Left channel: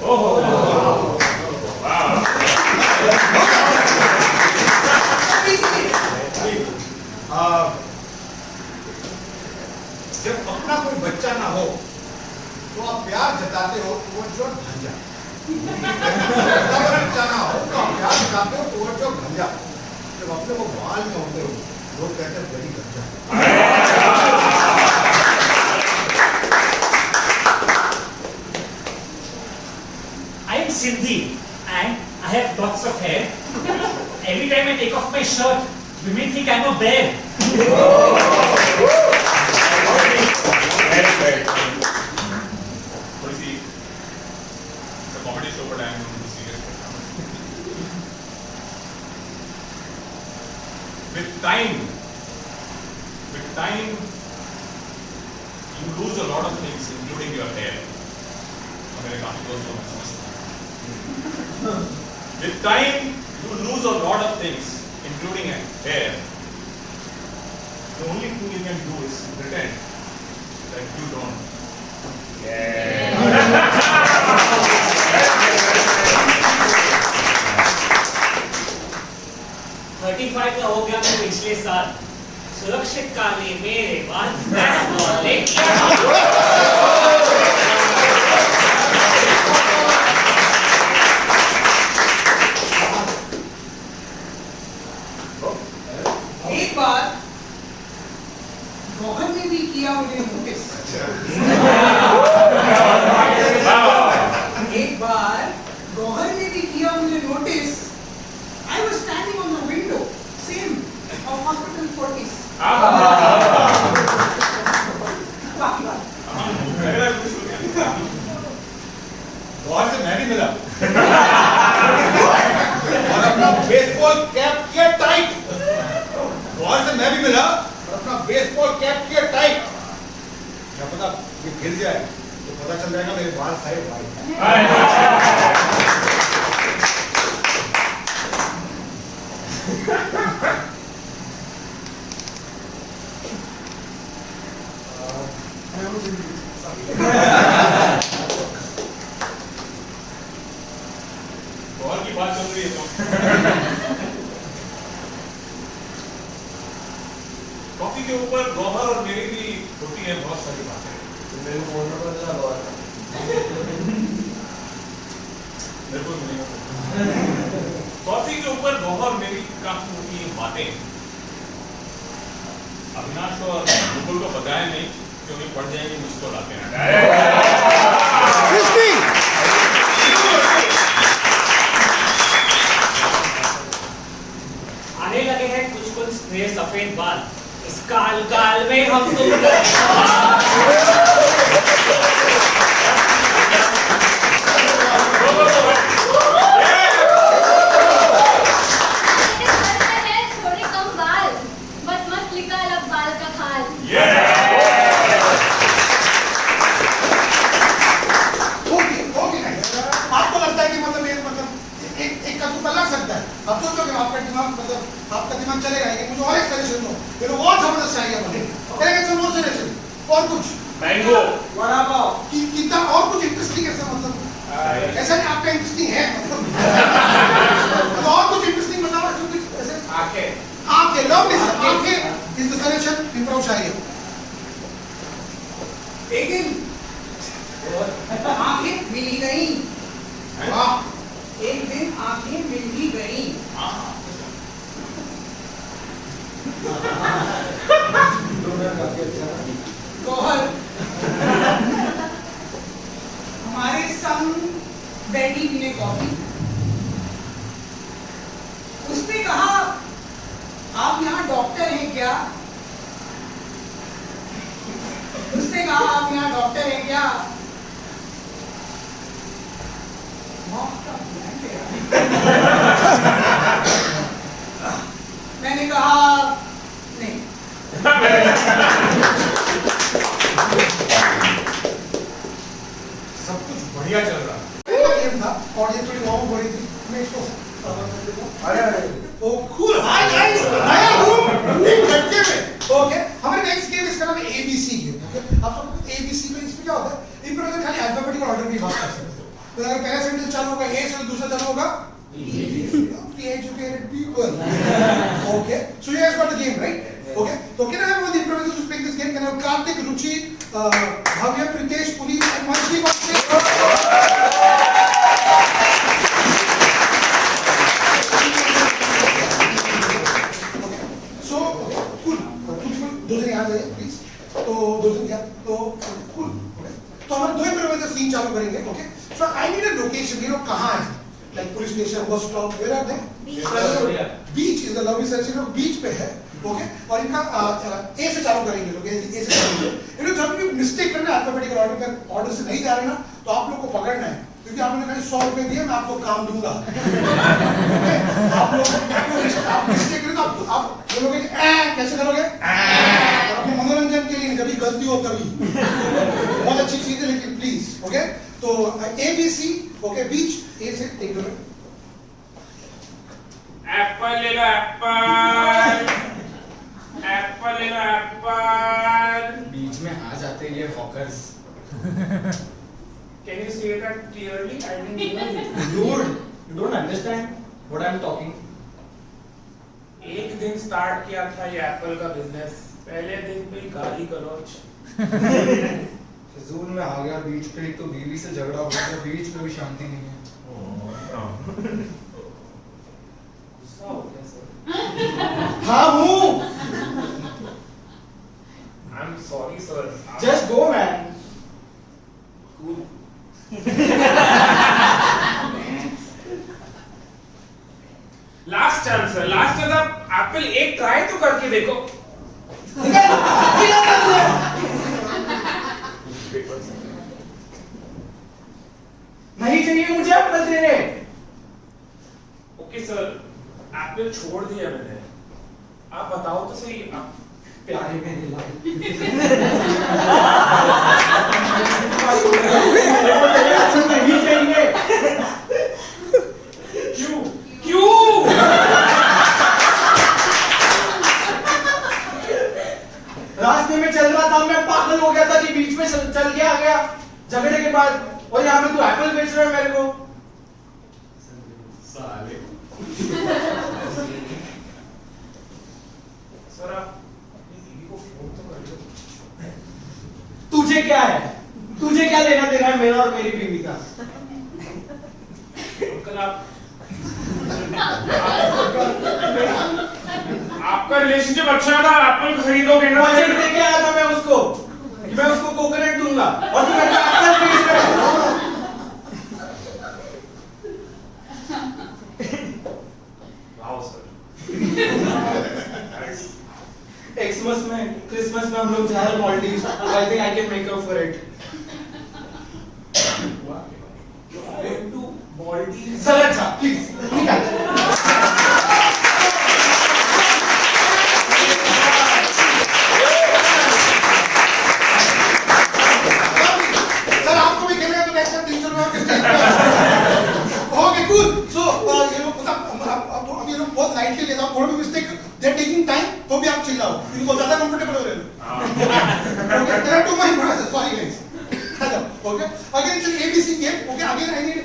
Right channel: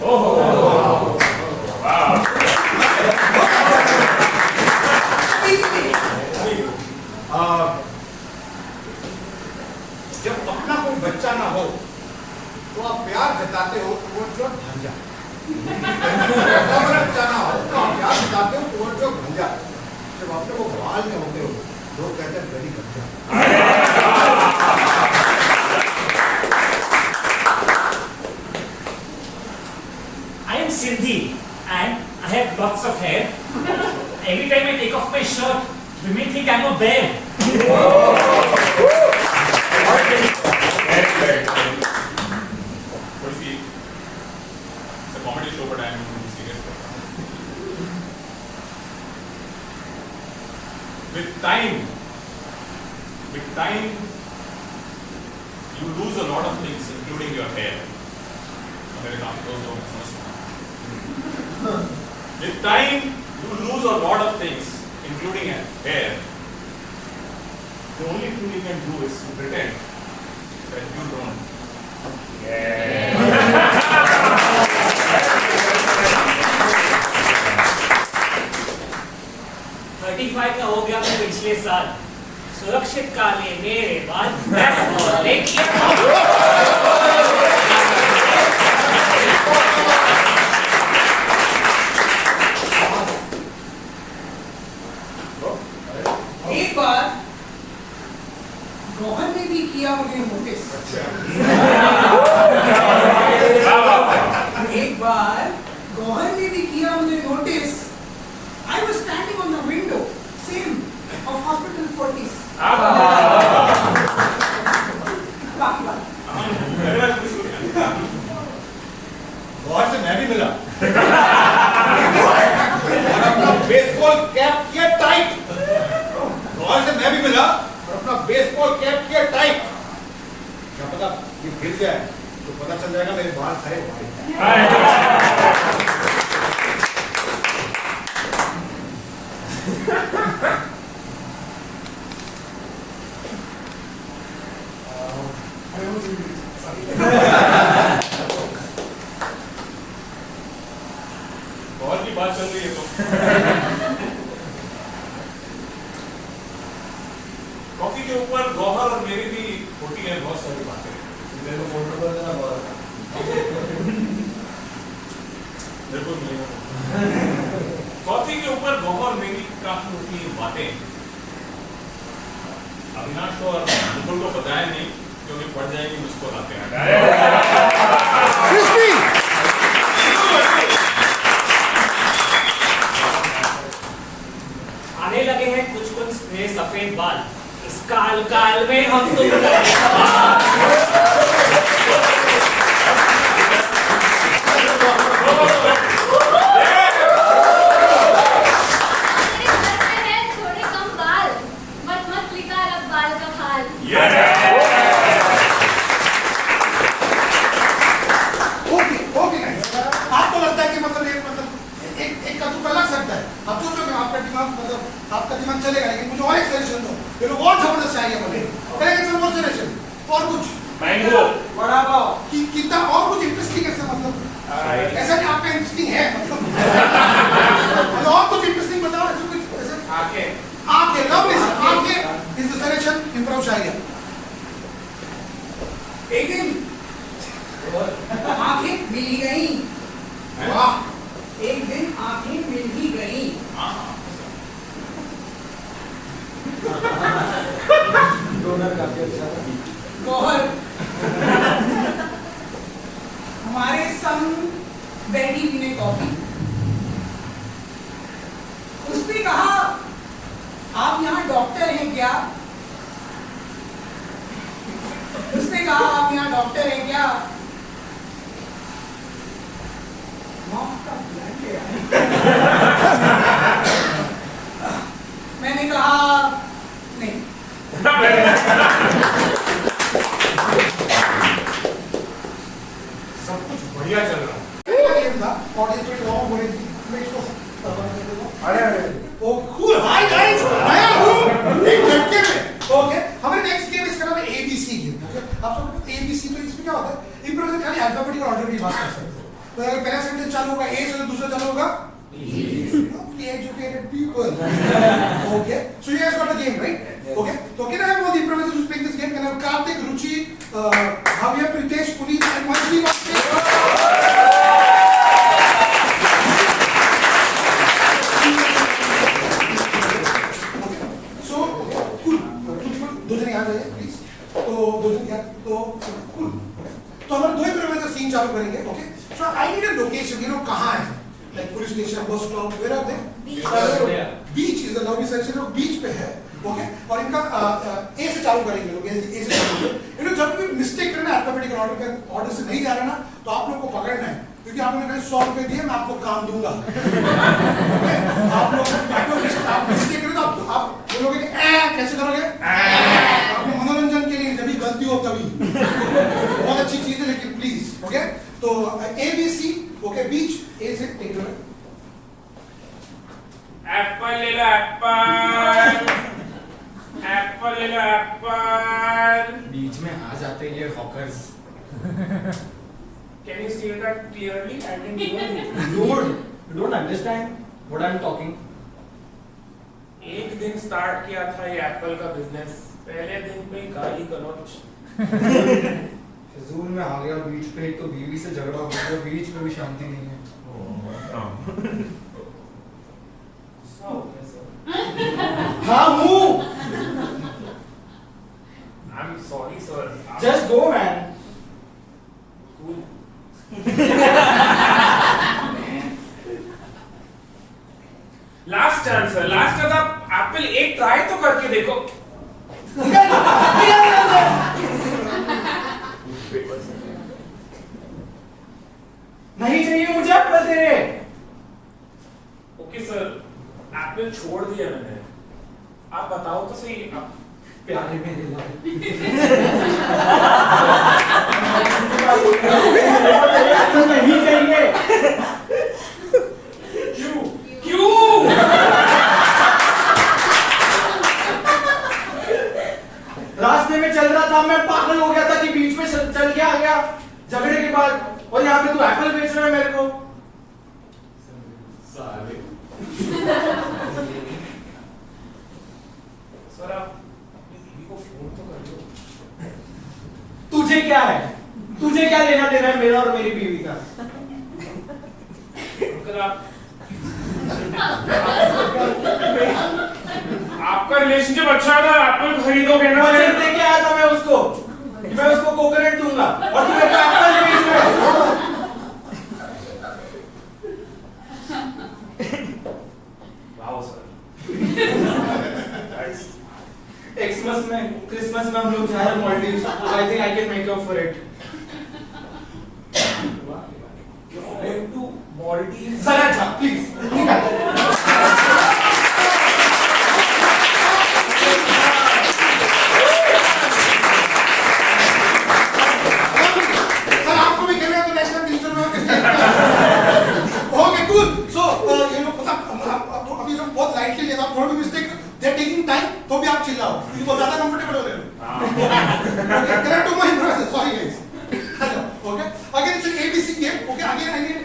जब अपना कोई बच्चा ना हो तो आप प्यार जताते हो टुवर्ड्स योर भांजा। अपना कोई बच्चा ना हो तो आप प्यार जताते हो टुवर्ड्स योर भांजा। जब अपने वो बाल में होते हो लोग कहते हैं वेरी गंजा। I am Sindhi and I have lots of hair. Every time I take off my shirt, women think I'm a bear. But see, it's a comedy show, but I am going to be serious. With time, you lose a lot of things, including your hair. With time, you lose a lot of things, including hair. The only thing you can do is pretend that you don't. 35 का हो गया मैं पिछले साल। सुरक्षित काले मेरे बाल बेसबॉल लेके एक बार रोहन ने भी किया मुझे नोटिस। एक बार रोहन ने भी किया मुझे notice. I was standing on the window, same of Hospital Fortis. बहुत से मैं भी मिला और अपना बेसबॉल कैप किया टाइट। बहुत से मैं भी मिला और अपना बेसबॉल कैप किया टाइट। क्या पता ये गिर जाए तो पता चल जाएगा मेरे बाल सारे वाले। बॉल की बात चल रही है तो कॉफी के ऊपर गौहर और मेरी भी होती है बहुत सारी बातें। बिल्कुल मिलेगा। कॉफी के ऊपर गौहर मेरी काफी होती है बातें। अविनाश और मुकुल को बताया नहीं क्योंकि पड़ जाएंगी मुझको लाते आने लगे हैं कुछ कुछ नए सफेद बाल। इस काल काल में हम तुम थोड़े कम बाल, मत निकाल अब बाल का खाल। आपको लगता है कि मतलब एक कद्दू लग सकता है। अब सोचो कि आपका दिमाग चलेगा लेकिन मुझे और एक सजेशन दो। ये लोग और जबरदस्त चाहिए मुझे। और सजेशन और कुछ मैंगो बड़ा पाव कितना और कुछ इंटरेस्टिंग ऐसा मतलब ऐसा नहीं आपका इंटरेस्टिंग है मतलब और कुछ इंटरेस्टिंग बताओ। ऐसा कुछ ऐसे आंखें लव आंखें इज द सजेशन। इंप्रूव चाहिए। एक दिन आंखें मिल ही गई। वाह। एक दिन आंखें मिल ही गई। गौहर हमारे संग बैठी पीने कॉफी। उसने कहा आप यहाँ डॉक्टर हैं क्या? उसने कहा आप यहाँ डॉक्टर हैं क्या? मैंने कहा नहीं। सब कुछ बढ़िया चल रहा है। गेम था और ये थोड़ी लॉन्ग हो रही थी। मैं इसको अरे ओ कूल। हाय गाइस, आया हूं एक झटके में। ओके हमारे नेक्स्ट गेम इसका नाम है एबीसी गेम। ओके आप सब एबीसी में इसमें क्या होता है? इम्प्रोवाइजर खाली अल्फाबेटिकल ऑर्डर की बात कर सकते हो। तो अगर पहला सेंटेंस चालू होगा ए से तो दूसरा चालू होगा Free educated people. Okay, so you guys got the game, right? Okay, so can I have all the improvisers who's playing this game? Can I have Karthik, Ruchi, Bhavya, Pritesh, Puneet, and Manjli on stage? So, cool. दो जन यहाँ जाइए, please. तो दो जन यहाँ, तो cool. तो हमारे दो improviser scene चालू करेंगे, okay? So I need a location. You know कहाँ है? Like police station, bus stop, where are they? Beach is the lovely section of beach पे है, okay? और इनका A से चालू करेंगे लोग, A से चालू करेंगे। ये लोग जब भी मिस्टेक करना अल्फाबेटिकल ऑर्डर से नहीं जा रहे ना, तो आप लोग को पकड़ना है, क्योंकि आपने कहीं 100 रुपए दिए, मैं आपको काम दूंगा। Okay? आप मिस्टेक करें तो आप बोलोगे कैसे करोगे? आपने मनोरंजन के लिए जब भी गलती हो तभी। बहुत अच्छी चीज है लेकिन प्लीज, ओके? तो ABC, ओके, बीच ए से टेक लो। एप्पल ले लो एप्पल, एप्पल ले लो एप्पल। बीच में आ जाते हैं ये hawkers. Can you say that clearly? I didn't hear it. Dude, you don't understand what I'm talking. एक दिन स्टार्ट किया था ये एप्पल का बिजनेस, पहले दिन पे ही गाली गलौज। फिजूल में आ गया बीच पे, एक तो बीवी से झगड़ा हो गया, तो बीच पे भी शांति नहीं है। गुस्सा हो गया सर। हाँ हूँ। I'm sorry sir. Just go man. Cool. Last chance sir, last chance. आप एप्पल एक ट्राई तो करके देखो। नहीं चाहिए मुझे एप्पल तेरे। ओके सर, एप्पल छोड़ दिया मैंने। आप बताओ तो सही, आप प्यारे मेरे लाल। नहीं चाहिए। क्यों क्यों? रास्ते में चल रहा था, मैं पागल हो गया था कि बीच में चल के आ गया झगड़े के बाद, और यहाँ पे तू एप्पल बेच रहा है मेरे को। सर आप अपनी बीवी को फोन तो कर दो। तुझे क्या है? तुझे क्या लेना देना है मेरा और मेरी बीवी का? अंकल आपका रिलेशनशिप अच्छा है ना, एप्पल खरीदोगे ना? वचन दे के आया था मैं उसको कि मैं उसको कोकोनट दूंगा, और तू मेरे को एप्पल बेच रहा है। Wow sir. एक्समस में, क्रिसमस में हम लोग जा रहे हैं Maldives. I think I can make up for it. To Maldives. Sir अच्छा प्लीज निकाल। सर आपको भी खेलना है तो नेक्स्ट टाइम 300 रुपए ओके कूल। सो ये लोग मतलब अभी लोग बहुत लाइटली लेता हूं, थोड़ा भी mistake they are taking time तो भी आप चिल्लाओ, क्योंकि बहुत ज्यादा कंफर्टेबल हो रहे हो। Okay there are two my brothers, sorry guys. Okay again it's ABC game. Okay again I need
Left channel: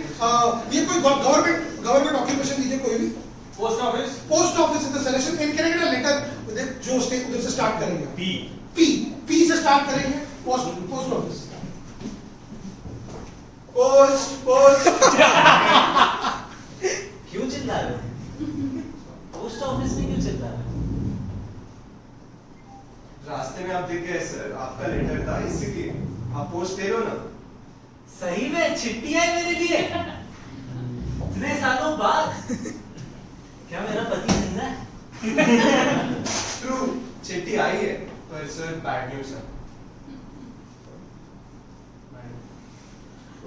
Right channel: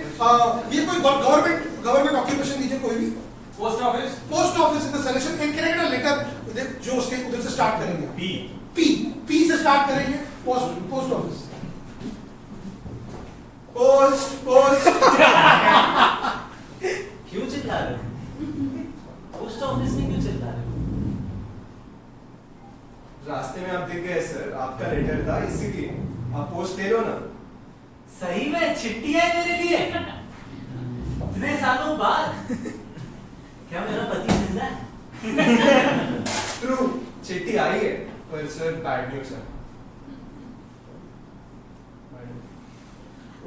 ये कोई गवर्नमेंट ऑक्यूपेशन दीजिए कोई भी। Post office. Post office is the suggestion. इन करेंगे ना लेटर जो उधर से स्टार्ट करेंगे। पी से स्टार्ट करेंगे। Post office. पोस्ट क्यों चिल्ला रहे हो? पोस्ट ऑफिस में क्यों चिल्ला रहे हो? रास्ते में आप दिख गए सर, आपका लेटर था इसीलिए आप पोस्ट ले लो ना। सही में चिट्ठी है मेरे लिए इतने सालों बाद। क्या मेरा पति जिंदा है? ट्रू, चिट्ठी आई है पर सर बैड न्यूज़ है।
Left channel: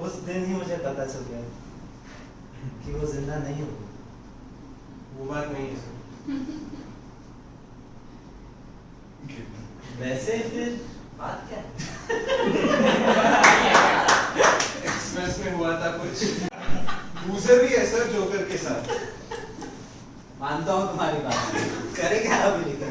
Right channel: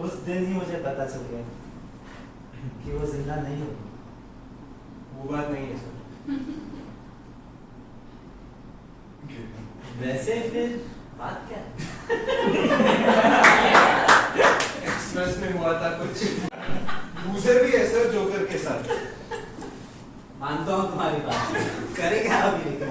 उस दिन ही मुझे पता चल गया कि वो जिंदा नहीं होगा। वो बात नहीं है सर। वैसे फिर बात क्या? एक्सप्रेस में हुआ था कुछ। लूजर भी है सर जोकर के साथ। मानता हूँ तुम्हारी बात, करे क्या अभी लेकिन।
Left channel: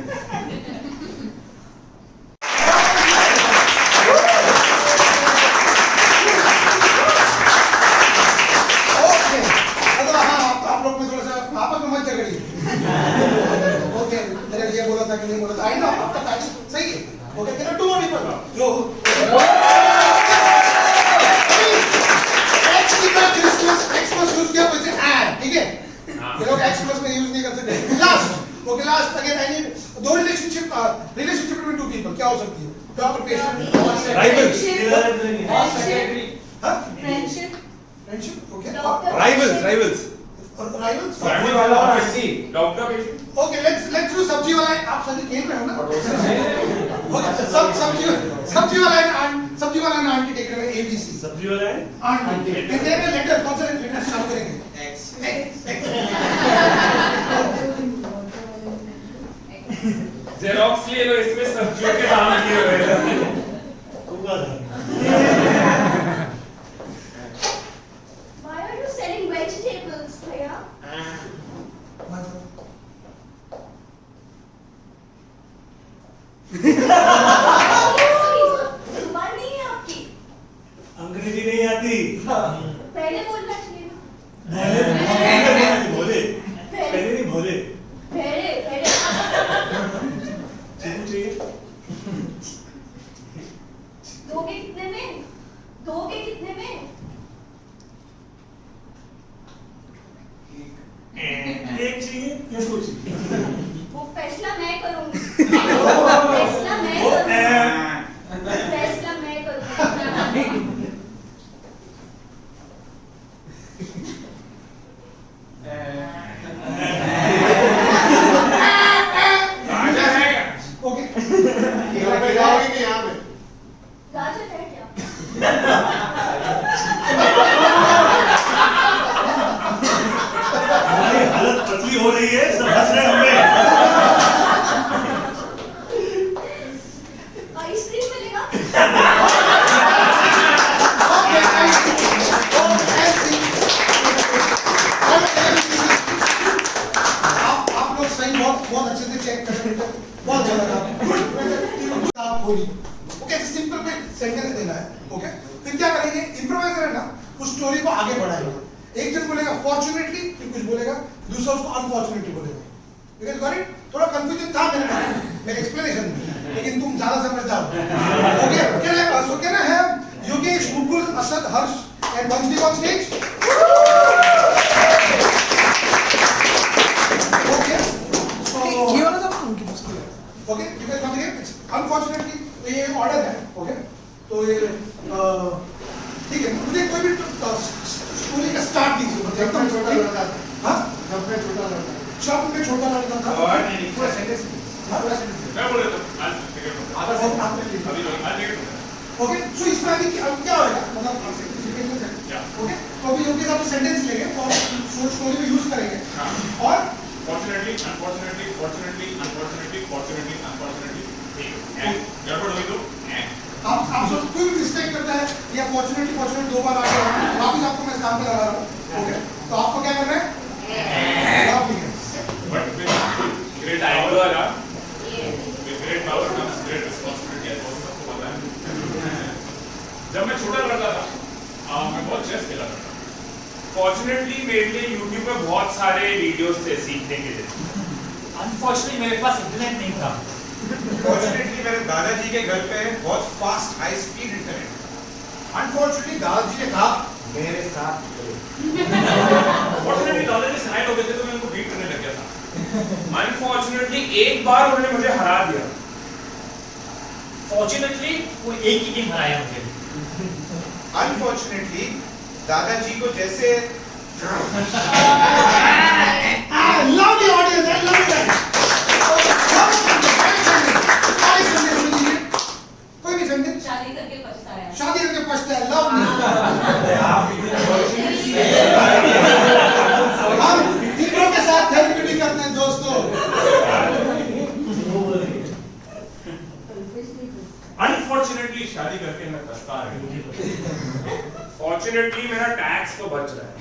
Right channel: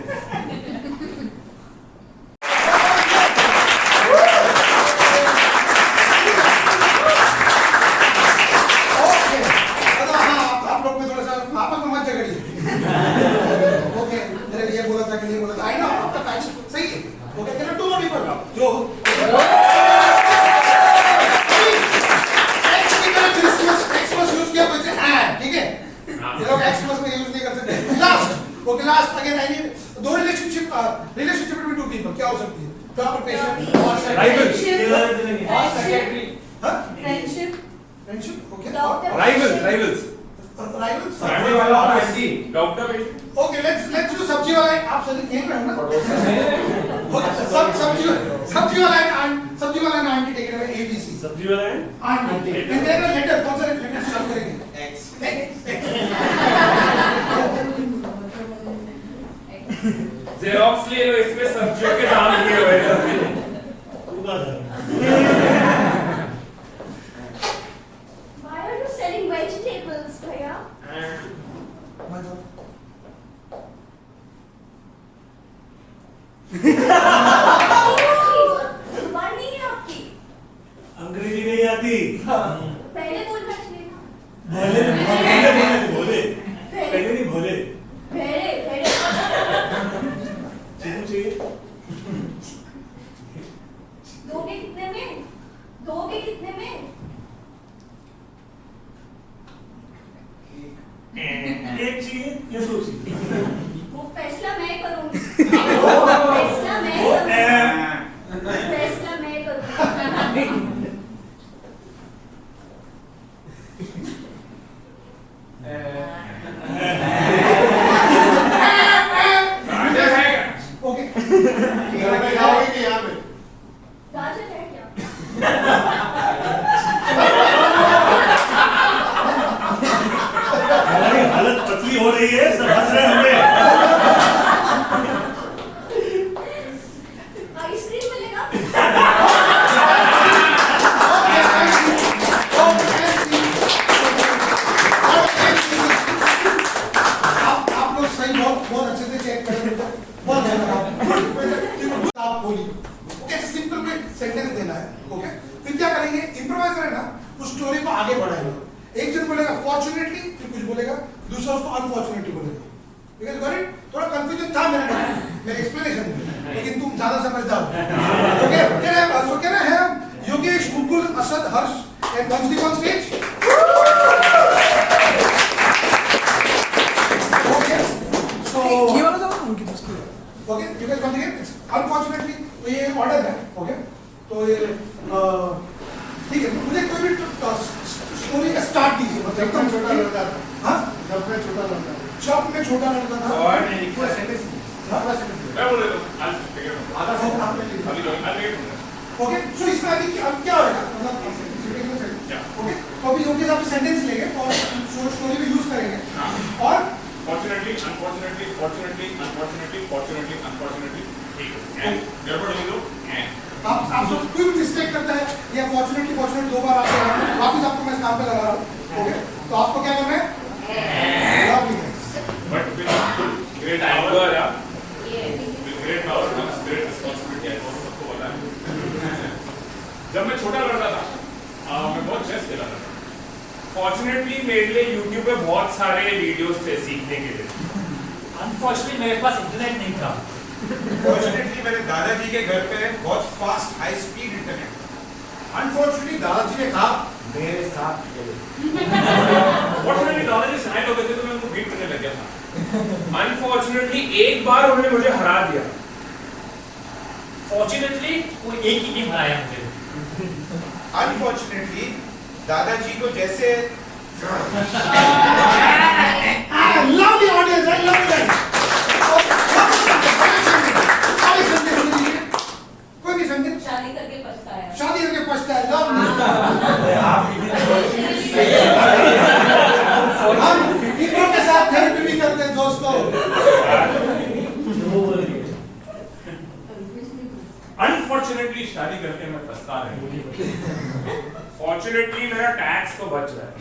एक्सप्रेस में यूज नहीं कर सकते. Last, okay, last again I need दो relationship between two people क्या हो सकती है? Doctor patient. Rivals. हाँ? Friendship. Friendship, okay. Doctor. Rivals. Rivals. सब्जी वाला और aunty. Doctor patient Okay, let's do सब्जी वाला है. आप सभी खेल में हो ना? Okay, सब्जी वाला है आंटी टेक रहे हैं ABC. सब्जी वाला है आंटी. लेटर कौन सा लेटर स्टार्ट करेंगे? X. जेरोक्स ले लो, इसमें सब्जियों के दाम दिए हुए हैं. Why are you selling vegetables, भैया? जुबान नहीं है आपकी. अंग्रेजी नहीं आती. पहले बोलना चाहिए ना. भोले पहले नहीं भोले. भेड़े भेड़े. चीकू चाहिए. दोगे कितने में? दोगे कितने में? एक चाहिए या दो चाहिए. वो फैसला मैं करूंगी. फैसला मैं करूंगी. फैसला मैं करूंगी. Okay. गाजर है क्या? हमारी हालत पतली हो रही है, सब हंस रहे हैं हमें. आइसक्रीम मिलेगा? आप लोग सही बहुत अच्छे से चेक कर रहे हैं. बहुत अच्छा लगा. आप खोली. ओके, ऐसे सिंपल में सेंटेंस देना है. ओके, फिर क्या करेंगे? इम्प्रोवाइजर है ना, उस स्टोरी को आगे बढ़ाएंगे. एक जन बोलेगा फॉर्चुनेटली, फिर कुछ बोलेगा, दूसरा उसको अनफॉर्चुनेटली बोलेगा. ठीक है, गॉट इट? थोड़ा कंफ्यूजन था मेरे एक्सप्लेनेशन में, लेकिन तुम ज्यादा समझदार हो. Okay, can I have Yogesh, Mukul, Asad, Harsh and Vamsi on stage? Okay, so ये वाला था उनके पास किया. okay, you guys once again, it's unfortunately तो ये ऑर्डर है. ओके, तो ये ठीक है. मुझे कोई भी स्टोरी का स्टार्ट दीजिए. एकदम छोटा लड़का था. हाँ, शॉप में छोटा लड़का था. और पूरा सेंटेंस. हाँ, मैं बोल रहा हूँ आज टिकट आधा सेंटेंस आपने लिख अभी दिया. नहीं आज टिकट ओके, सो इसमें आगे अब क्या होगा? मतलब ओके, तो अभी योगेश आप सेंटेंस लेंगे और स्टोरी में यूज करेंगे. और Fortunately, unfortunately, fortunately, unfortunately, fortunately, unfortunately, ठीक है. And therefore we do and. आप सब कोई भी मिस्टेक करता है या फॉर्चुनेटली दो बार आ गया वापिस आपको मैं इस काम पे लगा रहा हूँ. ओके, तो आपको क्या करना है? But with great power, with great power comes great responsibility. ऐसा सबको पता है. जब मैं छोटा लड़का था, मैं बहुत चेस खेला करता था. फॉर्चुनेटली मेरे लिए YouTube पे बहुत सारे वीडियोस थे सीखने के लिए. अनफॉर्चुनेटली मेरे पास इंटरनेट नहीं था. फॉर्चुनेटली मेरे दादाजी के घर पे बहुत fast high speed internet. Unfortunately दादाजी ने कहा मेरे साथ चलो. फॉर्चुनेटली दादाजी साइड हो गए थे तो मैं उनको बीट करने लग गया था. अनफॉर्चुनेटली एक बार उन्होंने मुझे हरा दिया. फॉर्चुनेटली वो एक ही गेम हराया मुझे. अनफॉर्चुनेटली दादाजी को जैसे I love the audience. I love that. कोई भी सेंटेंस. शादी करके पछताया. शादी करके पछताया. लव हम तीनों के साथ थेरेपी भी करते हैं दोस्तों. अनफॉर्चुनेटली शादी करके मैं पछता रहा हूँ. फॉर्चुनेटली मेरा टैक्स तो बच रहा है.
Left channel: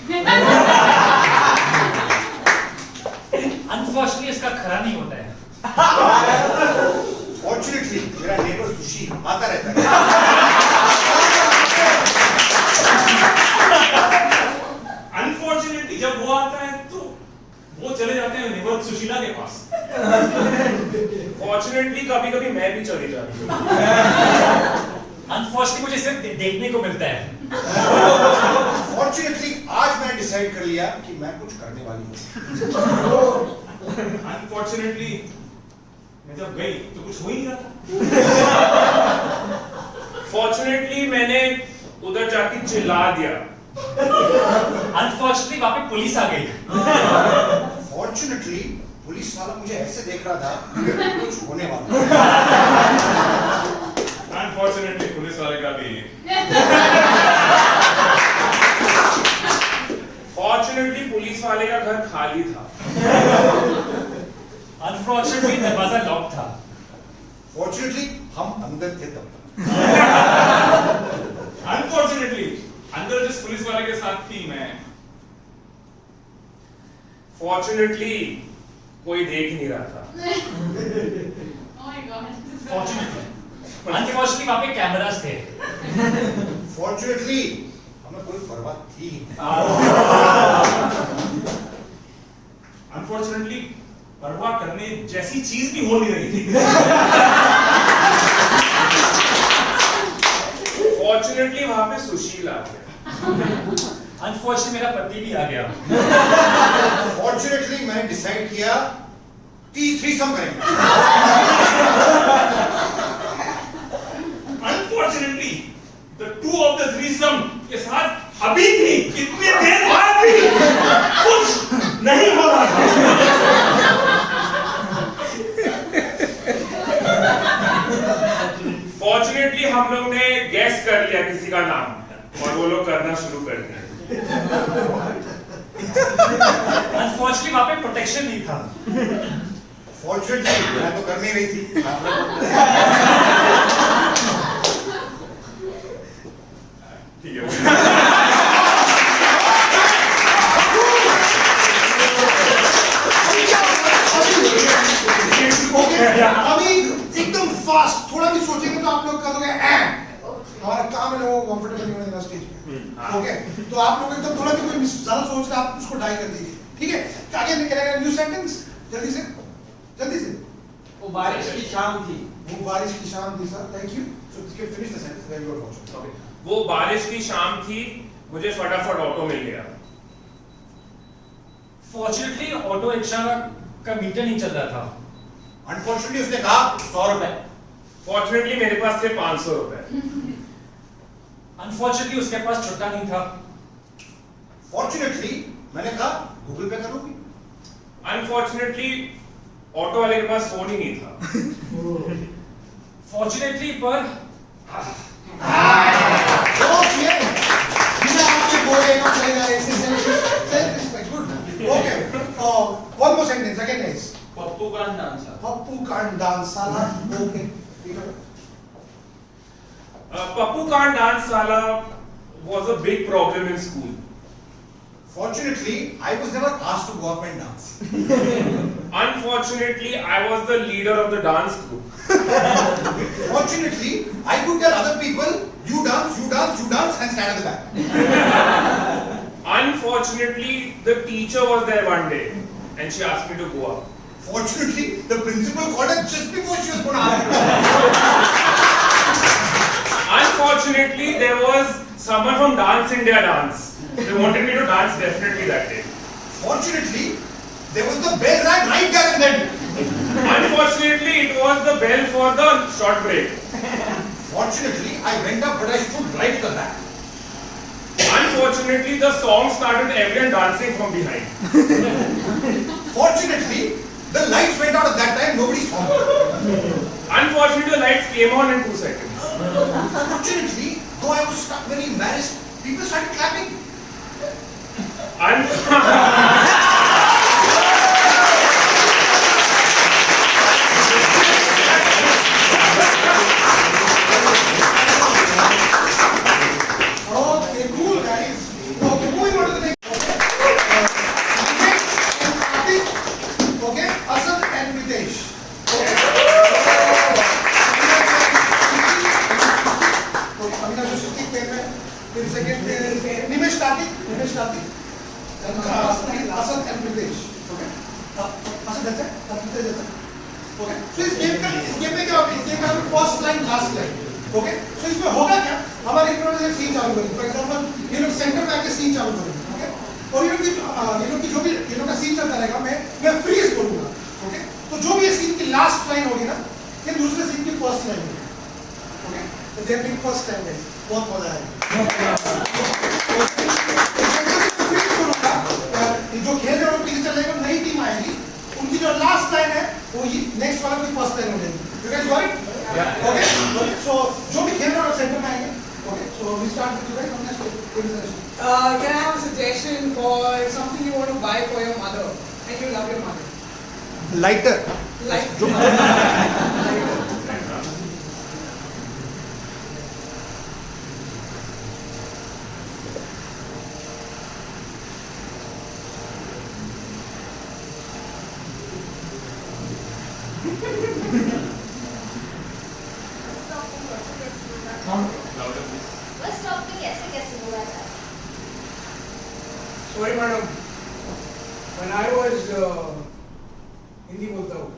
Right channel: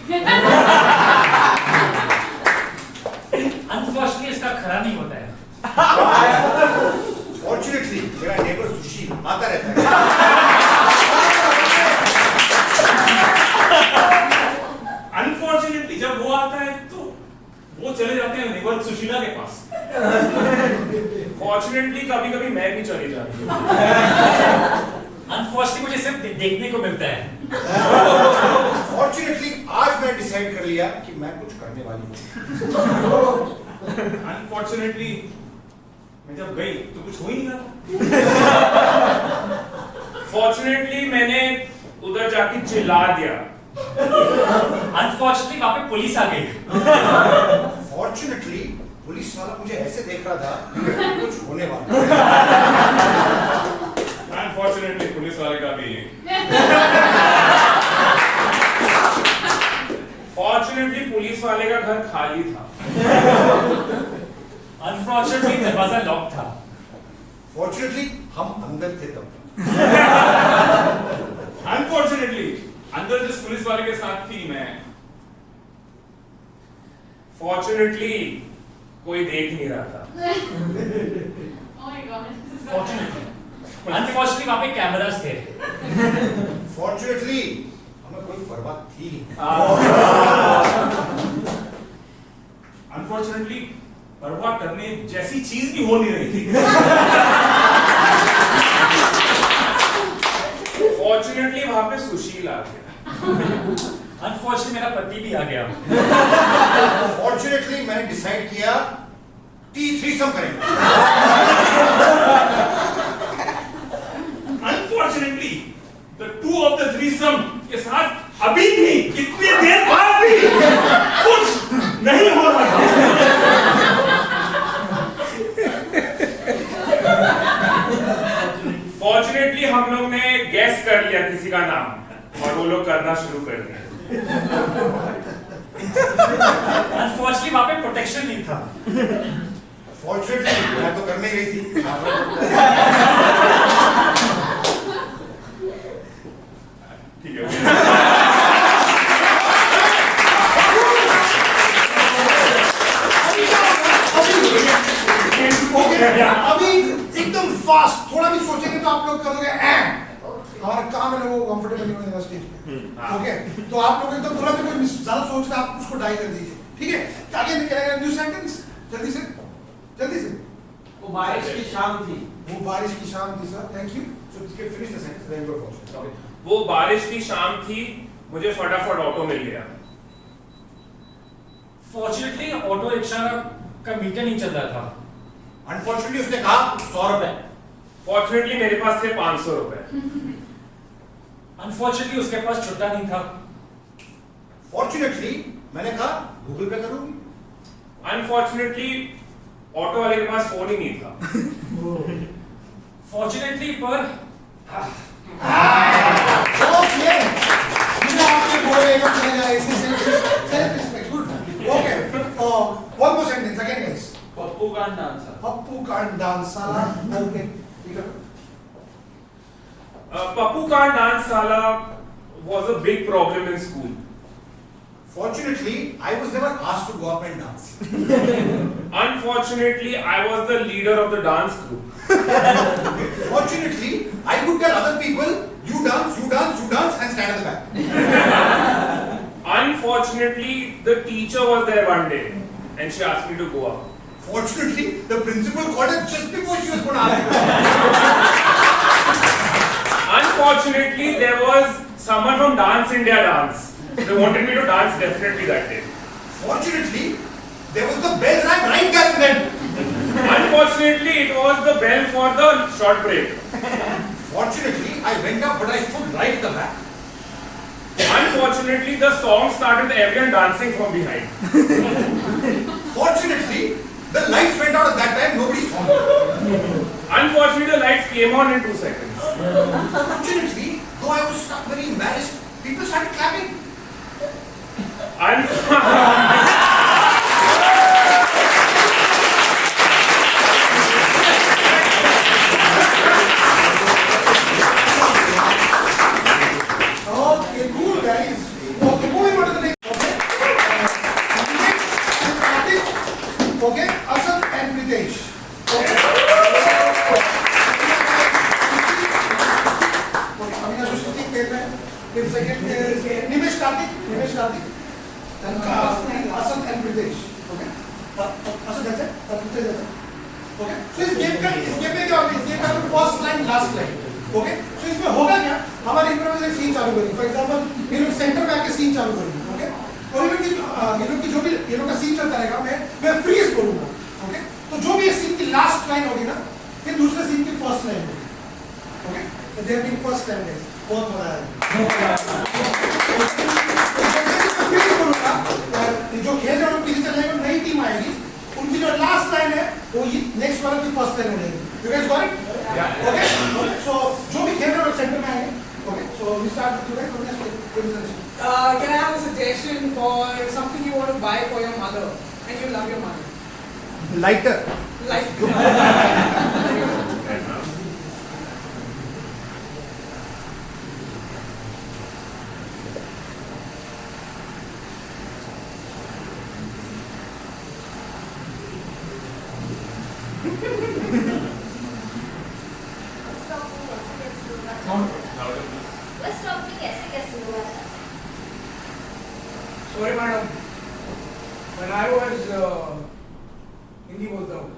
अनफॉर्चुनेटली इसका खरा नहीं होता है. फॉर्चुनेटली मेरा नेबर सुशील आता रहता है. अनफॉर्चुनेटली जब वो आता है तो वो चले जाते हैं नेबर सुशीला के पास. फॉर्चुनेटली कभी कभी मैं भी चली जाती हूँ. अनफॉर्चुनेटली मुझे सिर्फ देखने को मिलता है. फॉर्चुनेटली आज मैं डिसाइड डिसाइड कर लिया कि मैं कुछ करने वाली हूँ। अनफॉर्चुनेटली मैं जब गई तो कुछ हो ही नहीं रहा था। फॉर्चुनेटली मैंने उधर जाके चिल्ला दिया। अनफॉर्चुनेटली वहां पे पुलिस आ गई। फॉर्चुनेटली पुलिस वाला मुझे ऐसे देख रहा था कि कुछ होने वाला है। अनफॉर्चुनेटली पुलिस वाले का भी फॉर्चुनेटली पुलिस वाले का घर खाली था। अनफॉर्चुनेटली दरवाजा लॉक था। फॉर्चुनेटली हम अंदर थे तब तक। अनफॉर्चुनेटली अंदर जिस पुलिस वाले के साथ थी मैं, फॉर्चुनेटली कोई देख नहीं रहा था। Oh my God. Fortunately unfortunately वहां पे कैमरास थे। फॉर्चुनेटली हमें कोई परवाह थी नहीं। अनफॉर्चुनेटली परवाह करने जैसी चीज भी हो नहीं रही थी। फॉर्चुनेटली वहां पे सुशील आ गया। अनफॉर्चुनेटली मेरा पति भी आ गया। फॉर्चुनेटली मैंने डिसाइड किया थ्रीसम करेंगे। Unfortunately the two of the threesome के साथ अभी भी इतनी देर बाद भी कुछ नहीं हो रहा था। फॉर्चुनेटली हम लोग ने गैस कर लिया किसी का नाम और वो लोग करना शुरू कर दिया। अनफॉर्चुनेटली वहां पे प्रोटेक्शन नहीं था। फॉर्चुनेटली मैं तो करने गई थी। ठीक है। अभी एकदम फास्ट, थोड़ा भी सोचेंगे तो आप लोग करोगे हमारा काम है लोगों को कंफर्टेबल नहीं होने देना स्टेज पे। ओके, तो आप लोग एकदम थोड़ा भी कोई ज्यादा सोच रहे आप उसको डाई कर दीजिए, ठीक है? आगे निकलेगा न्यू सेंटेंस, जल्दी से जल्दी से। वो बारिश की शाम थी। वो बारिश की शाम थी sir, thank you. So finish the sentence, then you are fortunate. वो बारिश की शाम थी, मुझे फटाफट ऑटो मिल गया। फॉर्चुनेटली ऑटो रिक्शा का मीटर नहीं चल रहा था। अनफॉर्चुनेटली उसने कहा 100 रुपए। फॉर्चुनेटली मेरे पास थे 500 रुपए। अनफॉर्चुनेटली उसके पास छुट्टा नहीं था। फॉर्चुनेटली मैंने कहा गूगल पे करूंगी। अनफॉर्चुनेटली ऑटो वाले के पास फोन ही नहीं था। फॉर्चुनेटली पर आपसे बोले नो चलेगा, ऐसे self respect, good. Okay, one more sentence again guys. Pappu का डांस। पप्पू कांट डांस साला। Okay, Pappu can't dance sala was a big problem in school. Fortunately, I was never asked to go up and dance. Unfortunately, I was the leader of the dance group. Fortunately, I could tell other people, you dance, you dance, you dance, and stand at the back. Unfortunately, the teacher was there one day and she asked me to go up. Fortunately, the principal called her just before she was going to ask me. Unfortunately, there was someone from Dance India Dance. They wanted me to dance definitely that day. Fortunately, there was the bell rang right there and then. Unfortunately, it was the bell for the short break. Fortunately, I went up, but I stood right at the back. Unfortunately, the song started with everyone dancing from behind. Fortunately, the lights went out at that time, nobody saw me. Unfortunately, the lights came on in 2 seconds. Fortunately, though I was stuck very embarrassed, people started clapping. Okay, cool guys. Okay, moving on to the next. Okay, Asad and Pritesh. Okay. Avinash is sitting there. Then second is Nimesh Karthik. Then Asad and Pritesh. Okay. Asad, that's it. Pritesh, that's it. Okay. So इस game में क्या होगा? इस game का first line, last line. Okay, so इसमें होगा क्या? हमारे इम्प्रोवाइज एक सीन चालू करेंगे. फॉर एग्जांपल ये लोग सेंटर में आके सीन चालू करेंगे. ओके, और ये ये लोग का सीन चलता रहेगा, मैं फ्रीज बोलूंगा, ओके? तो जो भी ये सीन की लास्ट लाइन होगी ना, ये दूसरे सीन की फर्स्ट लाइन होगी, ओके? तो there being first line guys, बहुत मजा आएगा। फ्रीज बोलूंगा, जो खेल रहे हैं पीछे चल जाएंगे, नई टीम आएगी, उनकी जो लास्ट लाइन है वो नेक्स्ट वाला की फर्स्ट लाइन हो जाएगी। You guys got it? Okay? So जो भी खेल रहे हैं सेंटर में आएंगे, okay? So we start with you guys. Can I have a suggestion for something you want to buy for your mother and you love your mother? Lighter Like, bus stop पे कैसे हुआ था? sorry madam, when I was Hindi बोलता हूँ।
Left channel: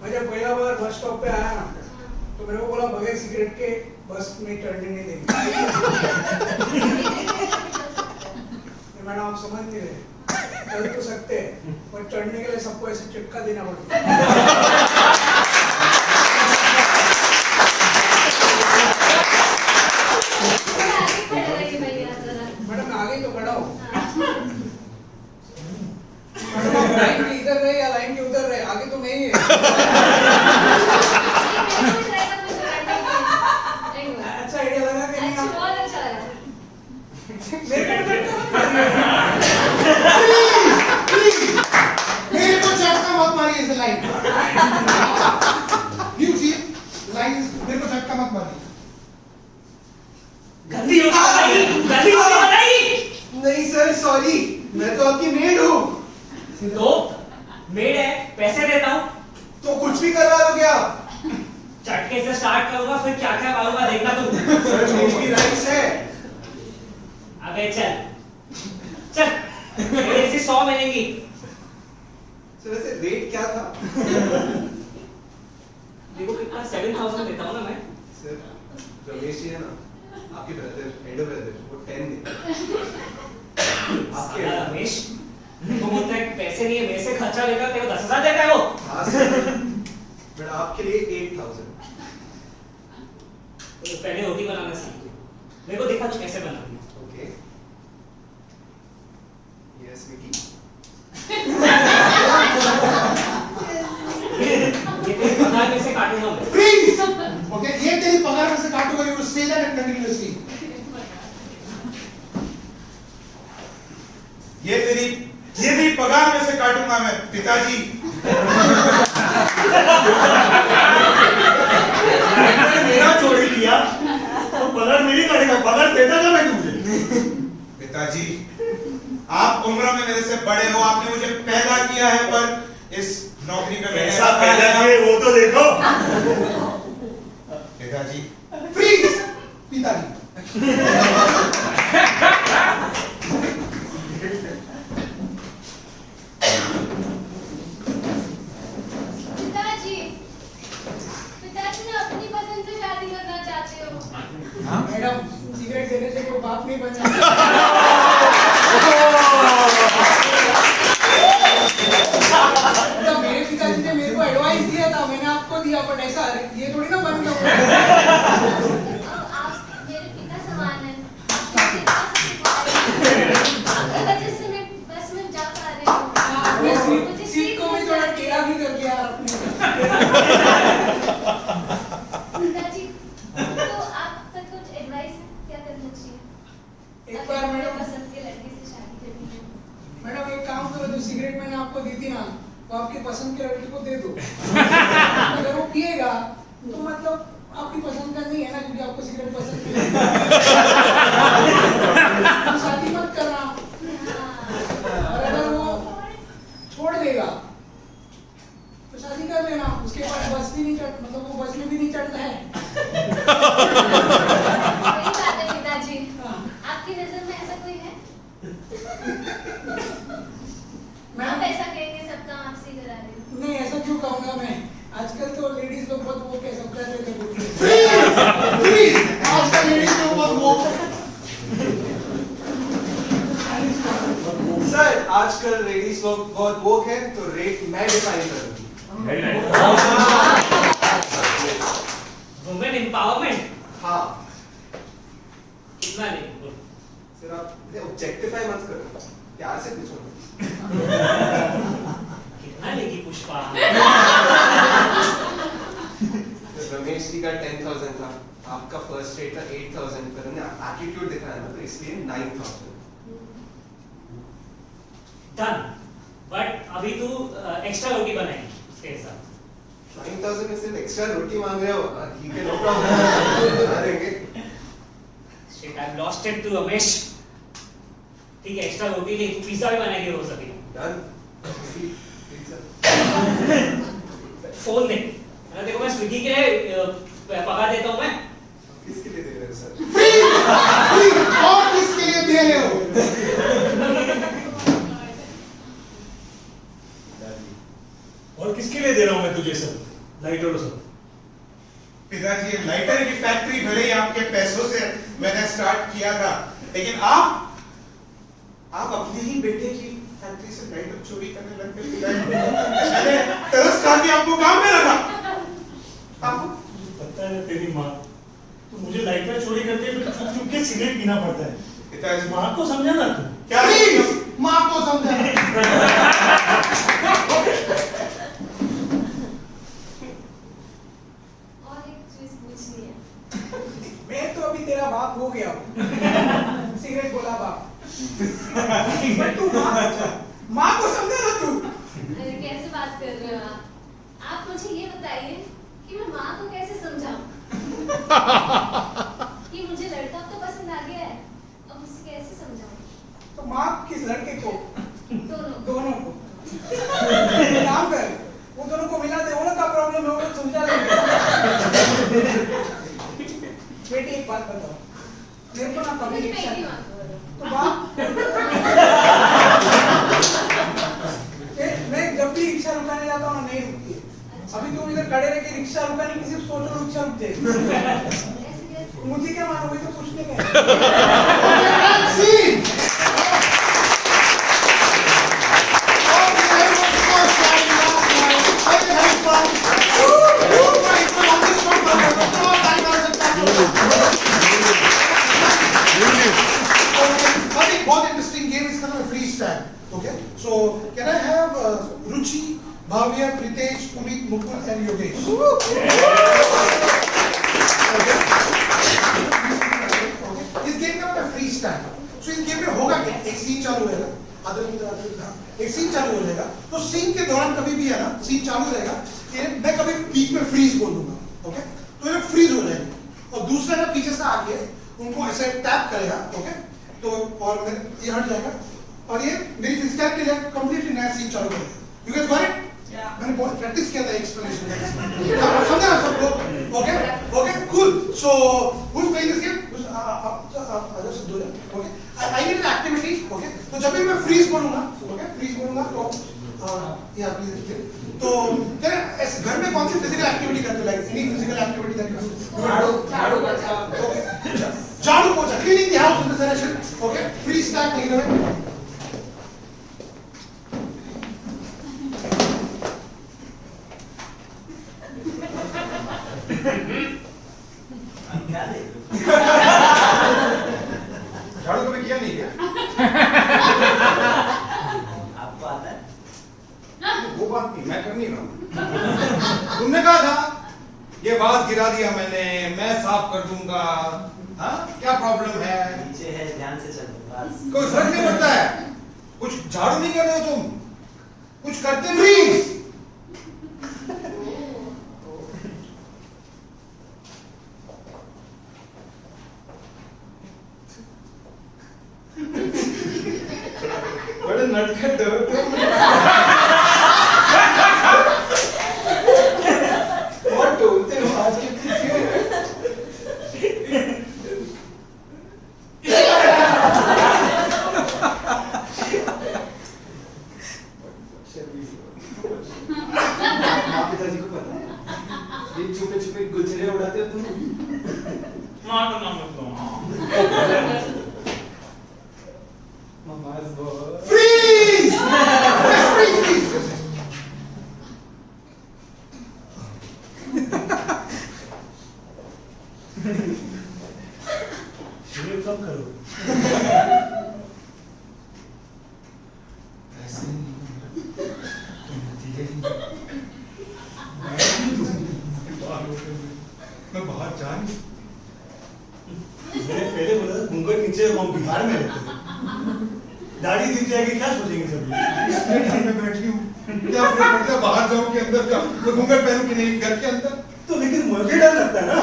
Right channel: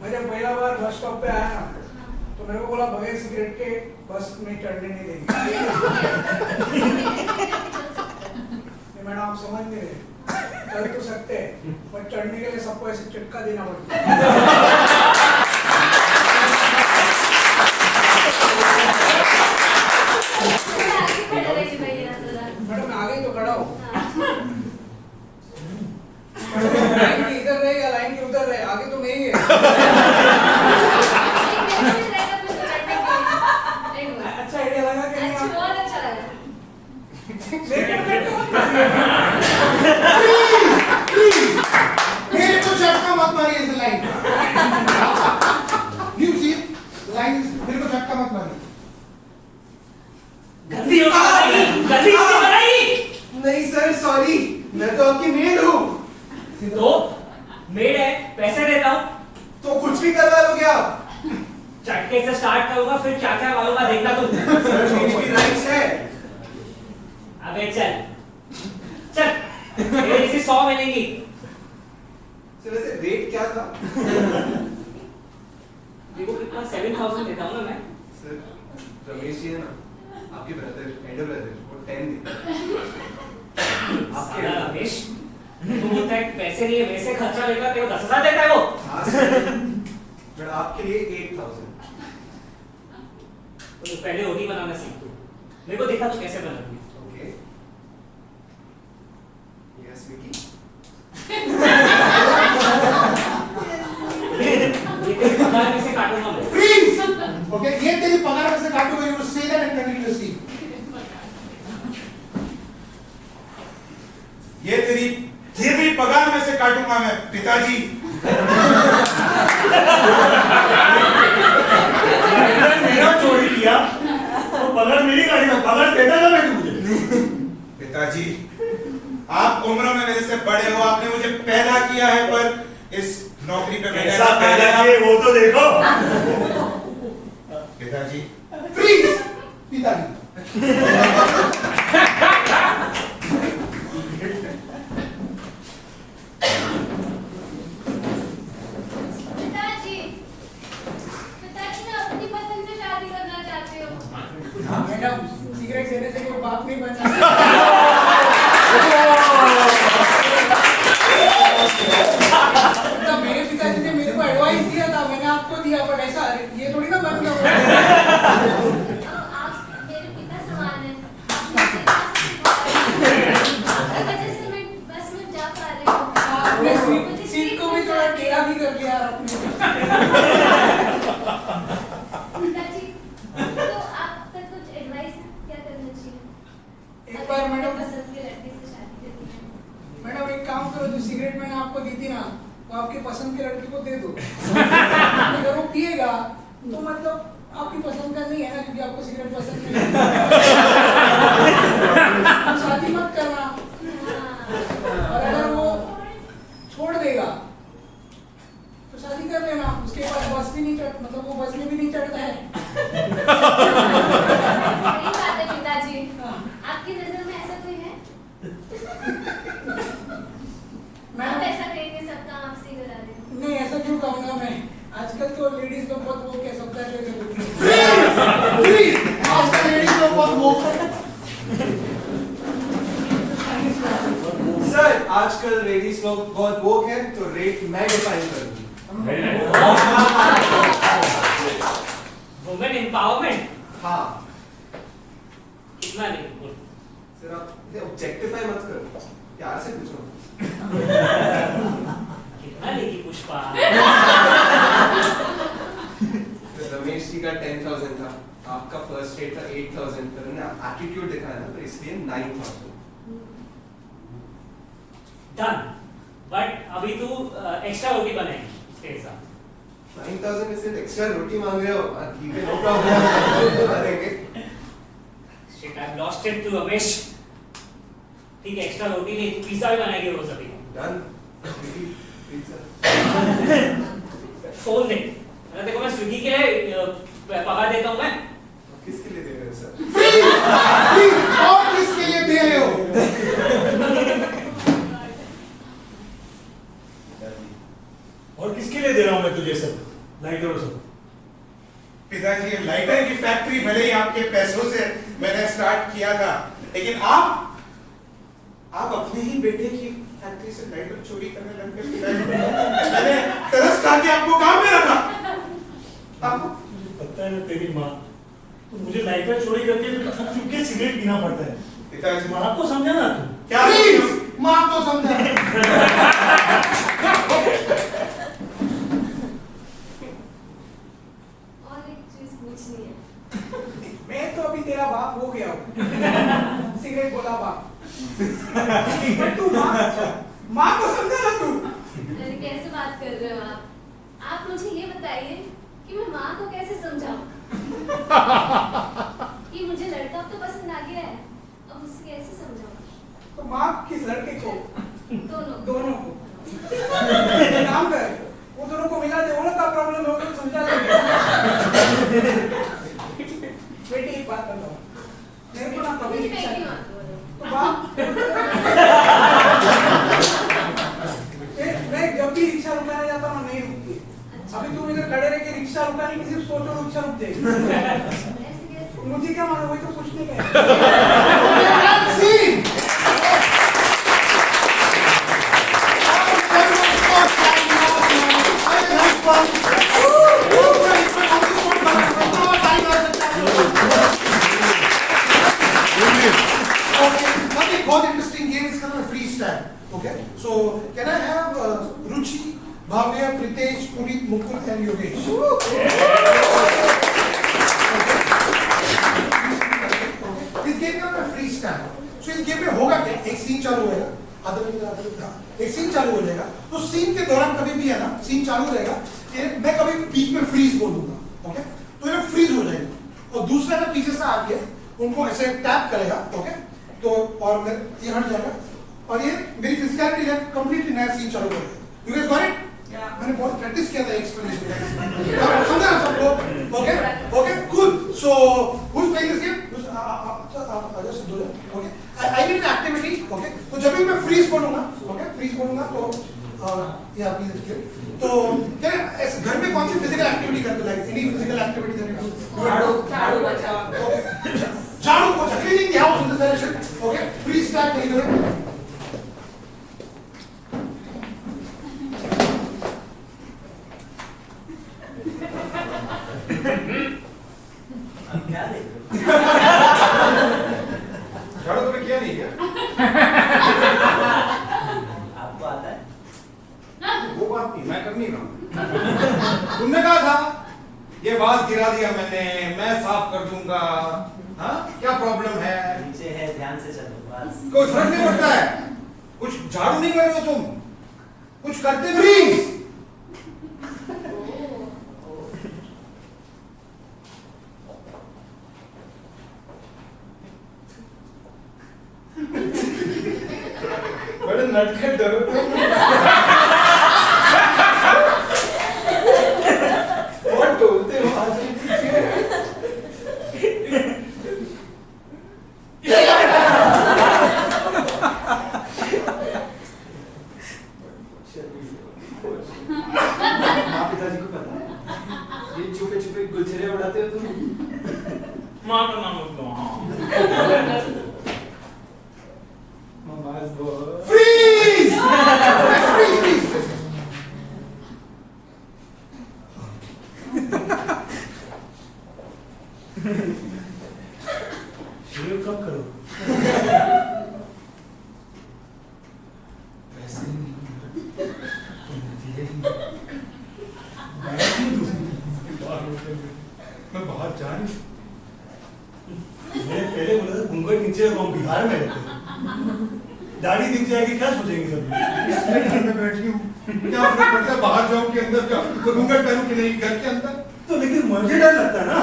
मैं जब पहला बार bus stop पे आया ना, तो मेरे को बोला बगैर सिगरेट के बस में चढ़ने नहीं देंगे। नहीं मैडम आप समझ नहीं रहे, चढ़ तो सकते हैं पर चढ़ने के लिए सबको ऐसे चिपका देना पड़ता है। आगे खड़ा रहिए भैया जरा। मैडम मैं आगे तो खड़ा हूँ। हाँ। मैडम आप लाइन के इधर रहे या लाइन के उधर रहे, आगे तो मैं ही है। एक मिनट रहेगा तो बैठने के लिए। एक मिनट। अच्छा आइडिया लगा कि नहीं अच्छा, आप? बहुत अच्छा लगा। मेरे को झटका मत मारिए इस लाइन। यू सी लाइन, मेरे को झटका मत मारिए। गंदी होगी बनाई, गंदी होगी बनाई। नहीं सर सॉरी, मैं तो आपकी मेड हूँ। तो मेड है, पैसे देता हूँ, तो कुछ भी करवा लोगे आप? चटके से स्टार्ट करूंगा, फिर क्या क्या मालूम देखना तुम। सर मेरी भी राइट्स है। अबे चल चल, मेरे से 100 मिलेंगी। सर वैसे रेट क्या था? देखो कितना 7000 देता हूँ ना मैं। सर रमेश जी है ना, आपके ब्रदर, एल्डर ब्रदर, वो 10 देते। साला रमेश वो बोलता है पैसे नहीं है, मेरे से खर्चा लेगा, तेरे को 10,000 देता है वो। हाँ सर, बट आपके लिए 8000। तो पहले रोटी बनाना सीख, मेरे को देखा तू कैसे बनाती है। Okay yes Vicky. ये तेरी पगार में से काटूंगा मैं। Freeze! Okay, ये तेरी पगार में से काटूंगा, you will say that and continuously. ये भी पगार में से काटूंगा मैं, पिताजी। मेरा चोरी किया तो पगार मेरी काटेगा, पगार देता ना मैं तुझे। पिताजी, आप उम्र में मेरे से बड़े हो, आपने मुझे पैदा किया है, पर इस नौकरी पे मैंने कैसा पैदा किए वो तो देखो। पिताजी। Freeze! पिताजी। पिताजी ना अपनी पसंद से शादी करना चाहते हो। मैडम सिगरेट देने से कोई बाप नहीं बन जाता। मेरे पिताजी ने मेरे को एडवाइस दिया था, मैंने आपको दिया, बट ऐसा ये थोड़ी ना बन गया। आप मेरे पिता समान हैं। आपकी वजह से मैं बस में जा पा रही हूँ। आपने मुझे सीट को भी थोड़ा टेढ़ा भी कर लिया आपने। पिताजी, तो आप तक कुछ एडवाइस क्या करना चाहिए? एक बार मैडम, पसंद की लड़की से शादी करनी है। मैडम एक काम करो, जो सिगरेट मैंने आपको दी थी ना, वो आपके पसंद के लड़के को दे दो। अगर वो पिएगा तो मतलब आपकी पसंद का नहीं है ना, क्योंकि आपको सिगरेट पसंद नहीं है। तो शादी मत करना। और अगर वो छोड़ देगा तो शादी कर लेना, उसके बाद बस भी नहीं चढ़, मतलब वो बस में भी नहीं चढ़ता है। सही बात है पिताजी। हाँ। आपकी नजर में ऐसा कोई है? मैम आप ऐसा कहेंगे सब काम आपसे करा रहे हो। नहीं, ऐसा क्यों कहूँगा मैं, आजकल तो लेडीज लोग बहुत वो क्या सब कर लेते हैं। Freeze! आज का लेडीज लोग बहुत वो आजकल लेडीज लोग बहुत वोक है, तो रेट मैं डिफाइन करूंगी। वुमेन एम्पावरमेंट हाँ कितना लेगी बोल? सर आप ऑब्जेक्टिफाई मत करो, प्यार से पूछो। कितना लेगी पुष्पा? रमेश जी का 10,000 था, आपका फर्स्ट रेट था 8,000, पर उन्होंने एटीट्यूड दिखाया ना, तो इसलिए 9,000। डन। बट अभी तू एक्स्ट्रा रोटी बनाएगी उसके साथ। 9,000 में सिर्फ एक्स्ट्रा रोटी मांग रहे हो, ठीक है, नो प्रॉब्लम, बना देंगे। Shit, I've lost it to Ramesh. ठीक है, एक्स्ट्रा रोटी नहीं, तू पिज्जा भी बनाएगी रोज अभी। डन। पिज्जा। फोन दे। अगर देखो मैं स्विगी के लिए पका देता हूँ मैं। किसके लिए दे रहे हो सर? फ्री और किसके लिए दे रहे हो? और किसके लिए दे रहा हूं मैं तुझे सब लाइटर सब? पिताजी, लाइटर की फैक्ट्री भले ही आपके पैसों से मैंने स्टार्ट किया था, लेकिन आप अपने ही बेटे की फैक्ट्री से लाइटर चोरी करने लग गए। मैंने तरस खा के आपको काम में रखा। आपको पता है ना तेरी माँ, तो मुझे लाइटर चोरी करके फिर चुप चुप के सिगरेट पीना पड़ता है। पिताजी, माँ को समझा ना तू। क्या प्लीज माँ को समझा। और एक चीज पूछनी है। मैं तो अभी तेरा बाप हो गया हूँ। सिगरेट बोला बाप। पर तू माँ को समझा ना तू। अरे कैसे बात कर रहे हो आप? आप मुझे ये बताइए कि मैं माँ को कैसे समझाऊं? कि मुझे लड़का तो पसंद आ गया है, अब उसे कैसे समझाऊं? तो माँ किस लड़के को? दोनों को। काम कर, वो दोनों को मिला दे, वो लोग का प्रॉब्लम है, वो लोग समझा लेंगे। बेटी एक बात बताओ, मेरे को ना कभी मुझे इच्छा मैगी नहीं। मांगो। तो बाप मैं जब भी रिक्शा रुकाने जाता हूँ ना, नहीं रुकती है। अभी तुम इधर खड़े रह के रिक्शा रुकाने की सिर्फ सोचो, रिक्शा रुक जाएगी। ऐसे कैसे? मुझे क्या मालूम, वही तो पूछने का है। बहुत इंटरेस्टिंग गेम, इसका नाम है free style. Okay, so can I have Ruchi, Bhavya, Pritesh, Puneet, Mukul and Yogesh? इस गेम का नाम है फ्री स्टाइल। सो इस गेम में होगा क्या, एक सीन चालू होएगा, एक सीन चालू हो जाएगा, तो सीन के दौरान कभी भी है ना, सीन चालू रहेगा, मैं कभी बीच में फ्रीज बोल दूंगा। ओके, तो ये फ्रीज हो जाएगी, और दूसरा ना पीछे से आके उनको ऐसे टैप करेगा। ओके, तो और ये हट जाएगा, और ये मेरी फिजिकलिटी है, कंप्लीटली नया सीन चालू करेगा। You guys got it? मैंने बहुत प्रैक्टिस किया था एक्सप्लेनेशन का, समझा आप सब लोग? Okay okay, cool. So who is playing this game? Okay, I need an activity. Okay, तो जब भी मैं फ्रीज बोलूंगा, ओके, फ्रीज बोलूंगा तो या प्लीज, तो क्या घर में कौन सी फिजिकल एक्टिविटी करते हो? Like any physical activity that you do? झाड़ू पोछा। झाड़ू पोछा, cleaning the house in the session. Okay, free style नहीं है। अब क्या देख रहे हो? झाड़ू कभी किया नहीं क्या? आपको आता है? वो बात नहीं, मैं कर नहीं रहा हूं। तुमने कहा था ये वास गिरा दिया मैंने, मैं साफ कर दूंगा। हाँ, क्या प्रॉब्लम है? नीचे है, ध्यान से चलो बस। कोई फर्क नहीं पड़ता है। कुछ झाड़ू नहीं कर रहे हो तुम, कुछ करते प्लीज। बड़े नटखट दो। बहुत डोलते हो आज। पिताजी को पता है ये छुपे छुपे गुलछड़े उड़ाते हो तुम? माँ का नाम बोल दो। Mama's boy. फ्रीज बिहार में रहते हैं, दाढ़ी दिख जाएगी क्या सोचेंगे सब? इसलिए घर में बैठी हूँ, क्या फर्क पड़ता है बाहर जाऊँ कि अंदर जाऊँ, तो घूंघट पहनूं कि नहीं घर के अंदर? तो लेकिन मुझे डर लगता है ना।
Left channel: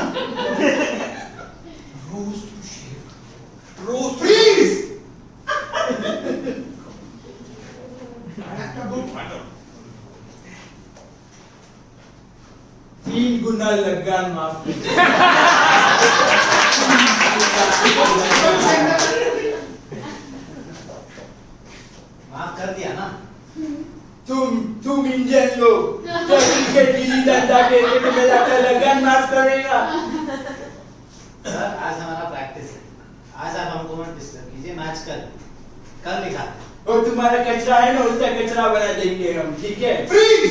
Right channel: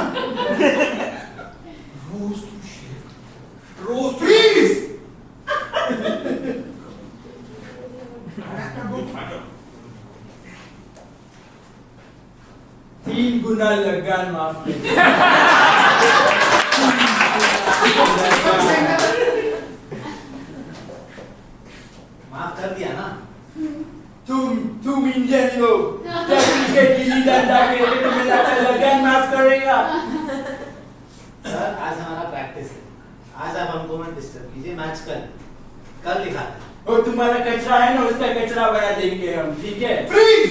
रोज तू शेव, रोज प्लीज। 3 गुना लगान माफ कीजिए। माफ कर दिया ना? तुम इंडियन लोग जब इनके गिल्ली डंडा खेलते तो मेरा क्या लगान माफ करेगा? सर आज हमारा प्रैक्टिस है, आज आप हमको मत डिस्टर्ब कीजिए, मैच कल दिखाते हैं। और तुम्हारा कचरा है ना, उसका कचरा बना देंगे हम, ठीक है? प्लीज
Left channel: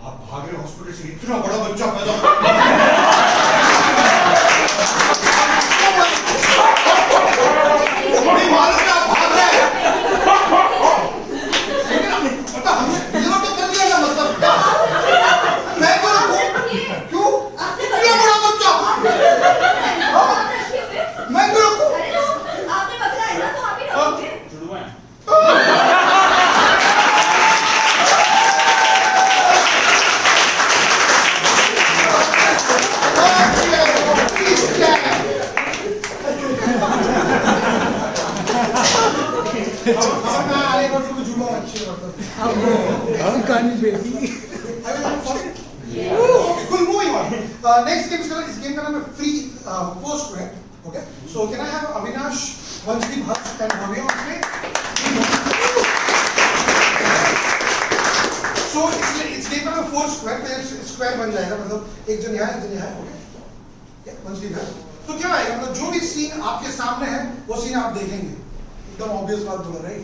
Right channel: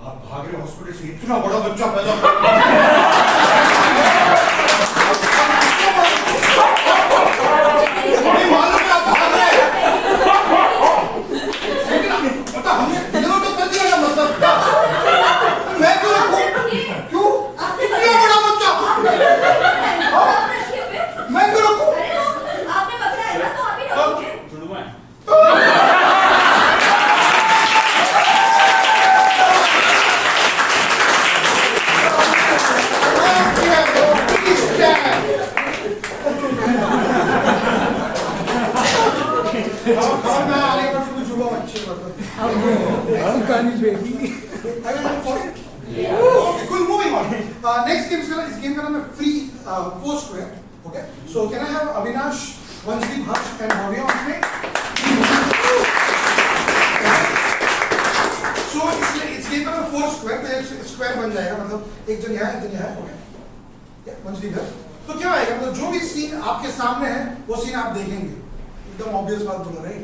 आप भाग रहे हॉस्पिटल से, इतना बड़ा बच्चा पैदा नहीं मालूम है आप भाग रहे हैं, पता हमने डिलीवर तो कर दिया ना, मतलब क्या मैं क्यों रखूं? क्यों इतना बड़ा बच्चा मैं क्यों रखूं? आपने पकड़ा है ना, तो आप ही रखोगे। मैं आने पर तो जुड़ा अच्छे मतलब कहानी बेटी cool, moving on. Next game is game का नाम है free four square. Okay. So can I have Avinash, Vanshdeep, Harsh and Bhavya on screen? So it's game का नाम है four square. तो एक square बन जाएगा, मतलब एक जन यहाँ, एक जन यहाँ. Okay. Yeah, Vanshdeep है. तो क्या आएगा, मतलब जो भी सीन आपके सामने है वो सीन आप देखेंगे. एकदम ऑब्वियस बात बोला, राइट?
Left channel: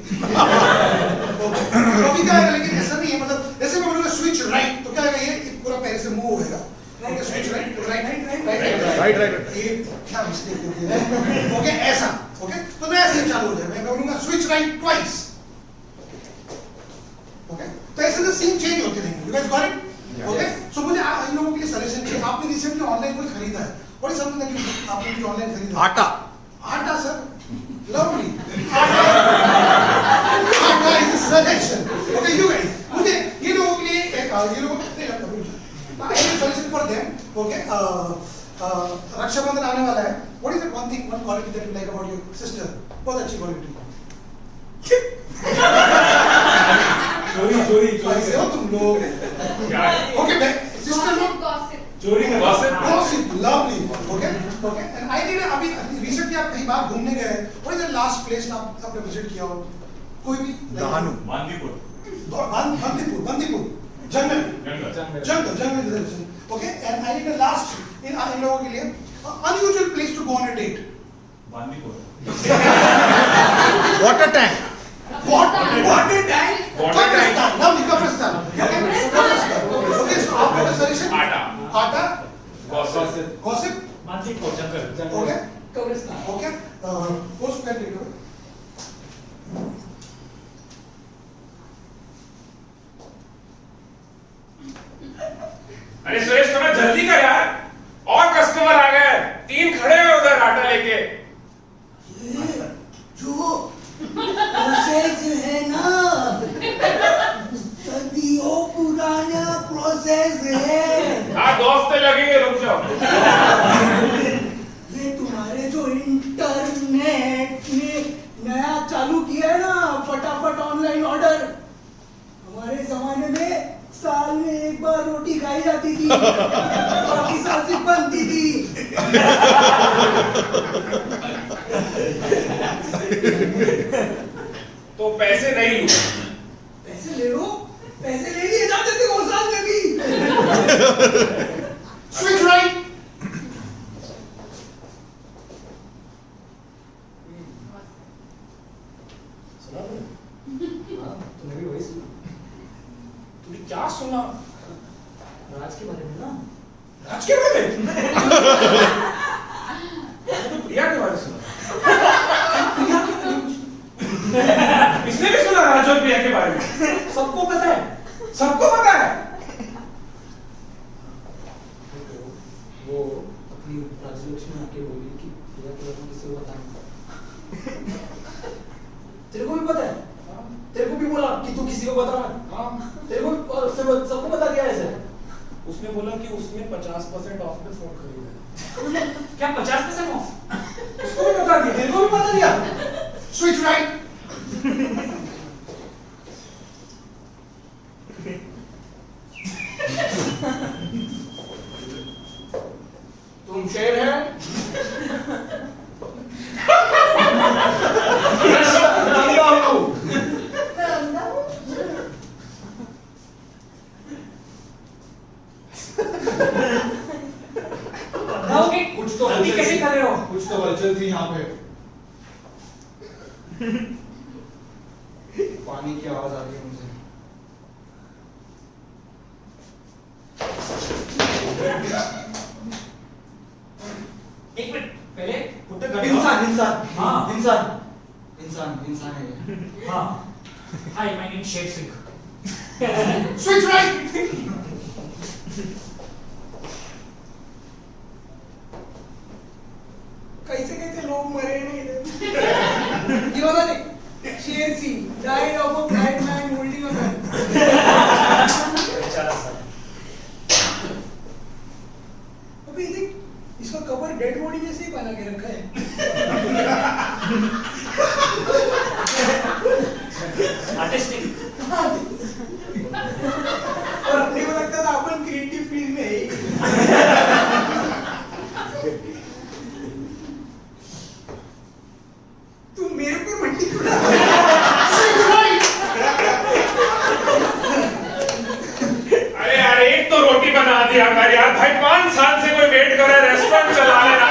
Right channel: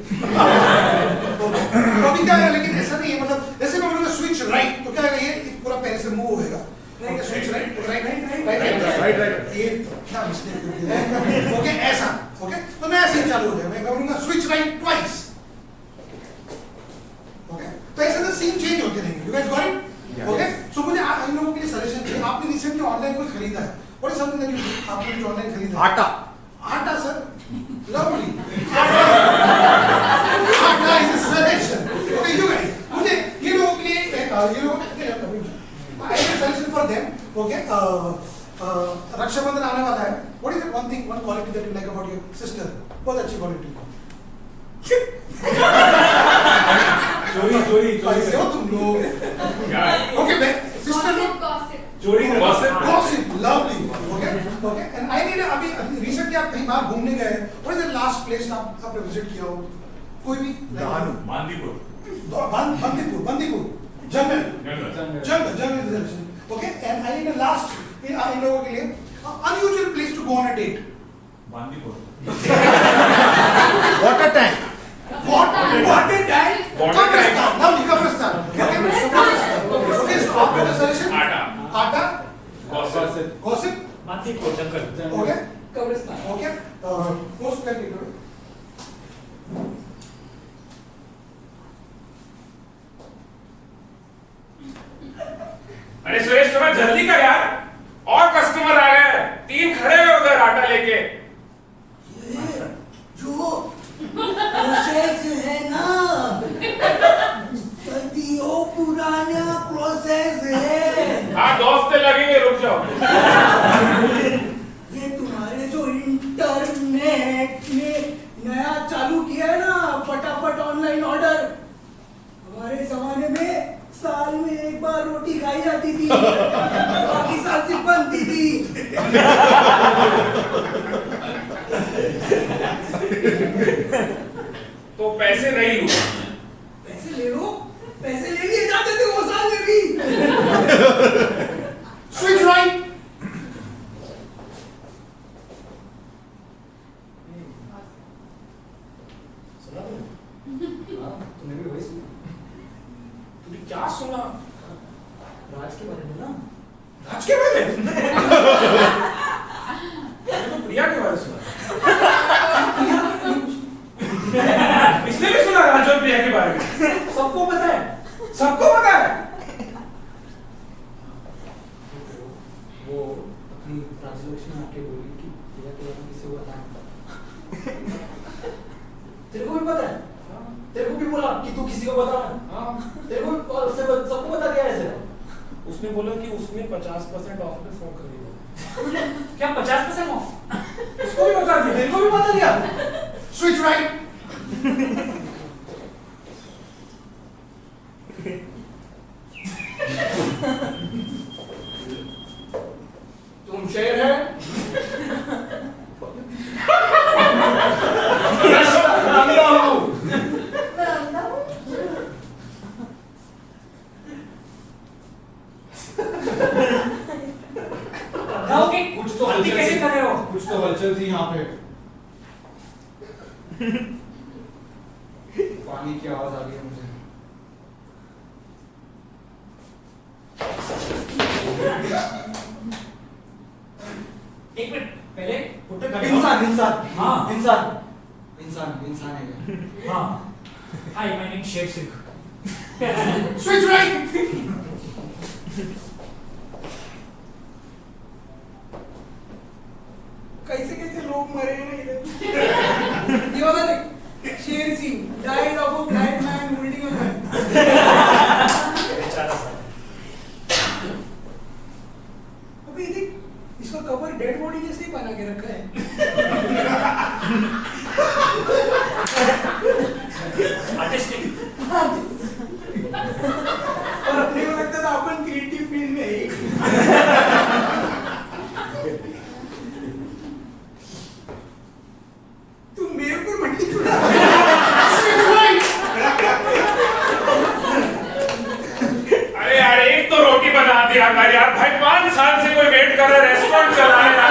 तो अभी क्या आएगा, लेकिन ऐसा नहीं है, मतलब जैसे मैं बोलूँगा स्विच राइट, तो क्या आएगा, ये पूरा पैर से मूव होएगा. ओके, स्विच राइट, ये क्या मिस्टेक हो गया? ओके, ऐसा. ओके, तो नया सीन चालू हो जाएगा. मैं बोलूँगा स्विच राइट ट्वाइस. ओके, तो ऐसे ना सीन चेंज होते रहेंगे. You guys got it? Okay, so मुझे इन लोगों के लिए सजेशन चाहिए. आपने रिसेंटली ऑनलाइन कोई खरीदा है? व्हाट इज समथिंग दैट आपने कुछ ऑनलाइन खरीदा? आटा सर, lovely. आटा is a suggestion. Okay, you guys. मुझे ये लोगों के लिए एक ये लोग I have a suggestion for them. Okay. Rakshabandhan आने वाला है. What is that one thing, one quality that you like about your sister? बहुत अच्छी quality. चोरी कैसे हो तुम लोग? Okay, मैं sister लोग. चोरी Gossip, lovely. Okay, okay. And I need अभी recently आप कहीं बाहर घूमने गए. What is the last place आपने visit किया हो? कोई भी? बांदीपुर. बंदीपुर. जंगल. Okay, and I need the last इन लोगों के लिए unusual place to go on a date. Bandipur. Water tank. Water tank. Kabristan. Lovely, Kabristan. Okay, so आपका suggestion? आटा. Gossip. बांदीपुर जंगल. Okay. कब्रिस्तान. Okay. Post continue. अरे सुरेश थोड़ा जल्दी कर यार, और कस्टमर आ गए, 3 खड़े हुए उधर आटा लेके. जो प्रोसेस है ना, सदियों पुराना प्रोसेस है. हाँ दोस्त लगेंगे, रुक जाओ. ये तुम्हारे जो इंटरनेट ने नया चालू किया है ना, फटाफट ऑनलाइन ऑर्डर. हमारे जमाने में साल में एक बार रोटी खाई जाती थी, बाकी साल सिर्फ बनती थी. तो पैसे नहीं लूं. पैसे ले लो, पैसे ले लिए जाते थे वो साल में भी. Switch right. सुना तुमने? हाँ, तुमने भी वही सुना. तूने क्या सुना? राज के बारे में ना. राज के बारे में? मैंने तो प्रिया के बारे में सुना. इसने भी सुना राज और प्रिया के बारे में? सबको पता है. राजलक्ष्मी आके बोली कि प्रिया के बारे में किसी को बताना। तेरे को भी पता है? तेरे को भी बोला कि तू किसी को बताना? तेरे को सबको बता दिया ऐसे? उसने बोला कि उसने 50% ऑफ में फोन खरीदा है। क्या 50% ऑफ? उसको भी बता दिया, मेरे को भी बता दिया। Switch right. तुम शेर है? अंधा हूँ। मैं अंधा हूँ। ओके, कुछ तो गलती कैसे कर रहे हो? कुछ तो हलचल थी यहाँ पे। पानी की आवाज आ रही है मुझे। एक मिनट पहले put the gun इंसान down. इंसान हाँ. इंसान इंसान इंसान है ये। हाँ. Hi, my name is Sher Singh. Switch right. कैसे कैसे लोग मरे हैं ना इधर। ये वाला देख, Sher Singh died of a blind man holding a gun. बेचारा सर. अभी देख, इसका कवर डेड बॉडी जैसे ही बना के रखा है। Artistic. और अपने को लगता था अपन क्रिएटिव फील्ड में है। तू मेरे पर मट्टी क्यों डाल रहा है? अरे यार एक तो रोटी बना दिया हमारे यार भाई 5 साल से कोई वेट कर रहा है रेस्टोरेंट चलाने रहा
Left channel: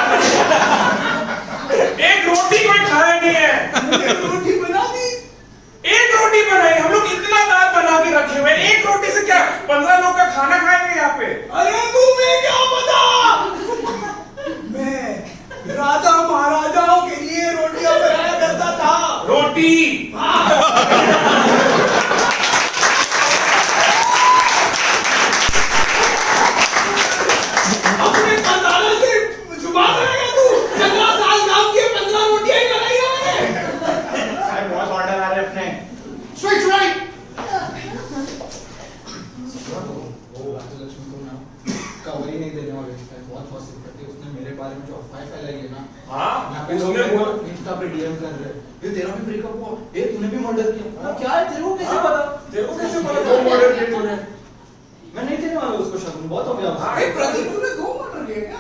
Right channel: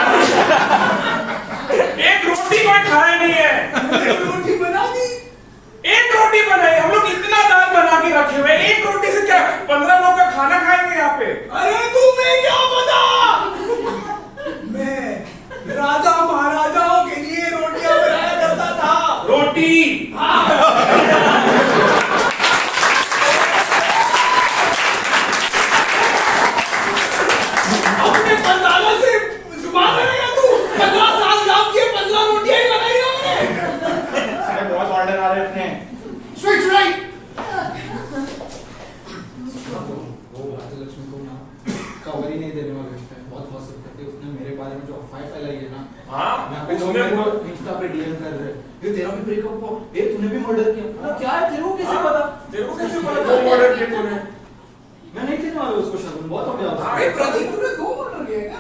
एक रोटी कोई खाया नहीं है रोटी बना दी। एक रोटी बनाई हम लोग इतना दाल बना के रखे हुए एक रोटी से क्या 15 लोग का खाना खाएंगे यहाँ पे अरे तुम्हें क्या पता? मैं राजा महाराजाओं के लिए रोटियां बनाया करता था। रोटी अपने पंडालों से जुबान करेगा तू? 15 साल काम किए, 15 रोटियां ही बनाई है मैंने। साहब बहुत ऑर्डर आ रहे अपने। Switch right. वो राजलक्ष्मी को ना कवर ही नहीं देने वाले उसने बहुत हौसला करती उसने मेरे बारे में जो अफवाह फैलाई है ना। हाँ यहाँ पे लोग मेरे को इंस्टा पे डीएम कर रहे हैं ये तेरा भी ब्रेकअप हुआ ये तूने भी मर्डर किया ना क्या है तेरे को कैसे पता तेरे को कैसे पता 2 मर्डर किए तूने मैं नहीं देने वाला उसको शगुन बहुत हो गया अरे प्रदीप तूने 2 मर्डर किए क्या?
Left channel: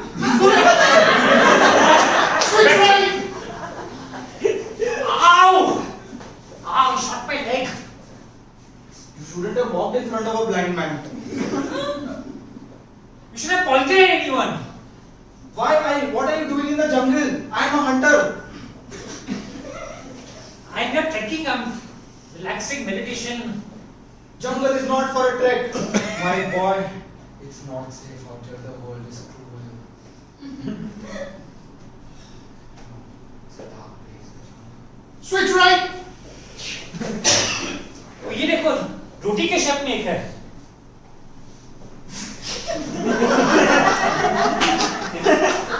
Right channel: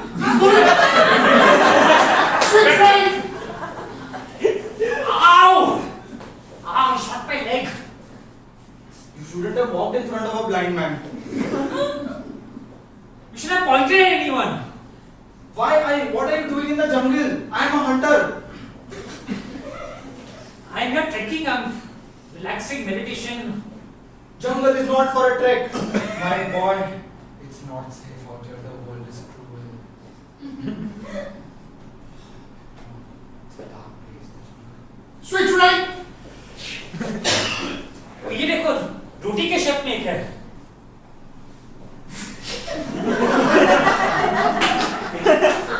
Switch right. Ow! Ow! You shot my leg. You shouldn't have walked in front of a blind man. You should have pointed at anyone. What are you doing in the jungle? I am a hunter. I'm here trekking. I'm relaxing, meditation. Jungle is not for a trek. My boy, it's not safe out here. The world is cruel. It's a dark place. Switch right. ये देखो रोटी के shape में एक है.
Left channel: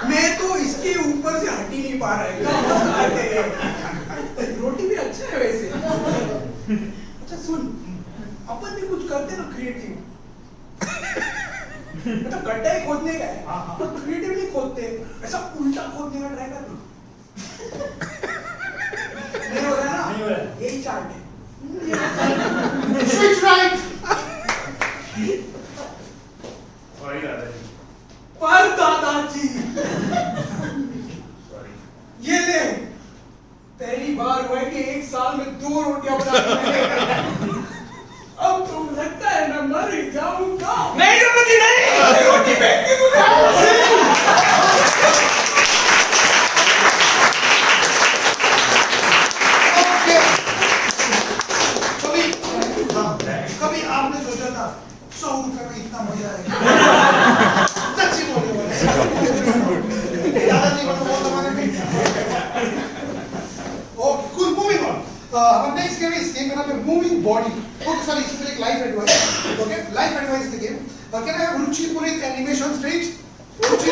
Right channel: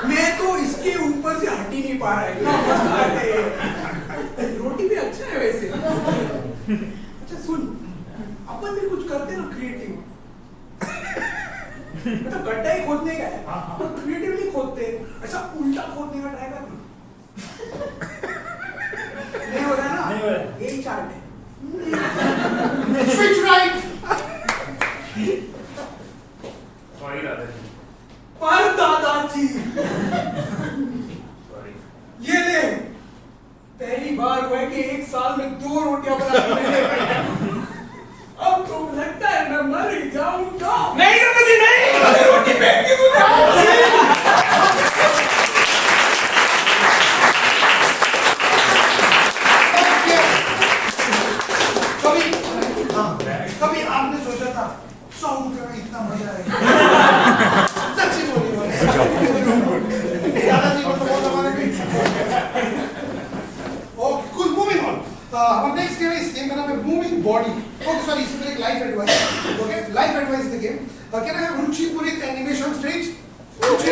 मैं तो इसके ऊपर से हट ही नहीं पा रहा है। रोटी भी अच्छा है वैसे। अच्छा सुन, अपन भी कुछ करते ना क्रिएटिव। मतलब गड्ढा ही खोदने का है, पर क्रिएटिवली खोदते हैं। ऐसा उल्टा खोदने का ट्राई कर। नहीं हो रहा ना? नहीं हो रहा। यही चार्ट है। Switch right. सॉरी दादाजी पर दादाजी सॉरी ये ले, पहली बार हुआ है कि 1 साल में 2 रोटियां बना दी मैंने। अब तो लगता है मैं मर ही जाऊंगा। नहीं दादाजी नहीं अरे रोटी फेंक दी तूने। कभी आपने सोचा था 100 रुपए में इतना मजा आएगा? सच्ची बोलिए भाई। दादाजी मतलब बहुत जमाना नहीं। Okay cool moving on. our next game is game का नाम है मूविंग बॉडी. ओके सॉरी इसमें एक life advice. Okay life advice the game. Can I have Ruchi Purohit animation stage? Ruchi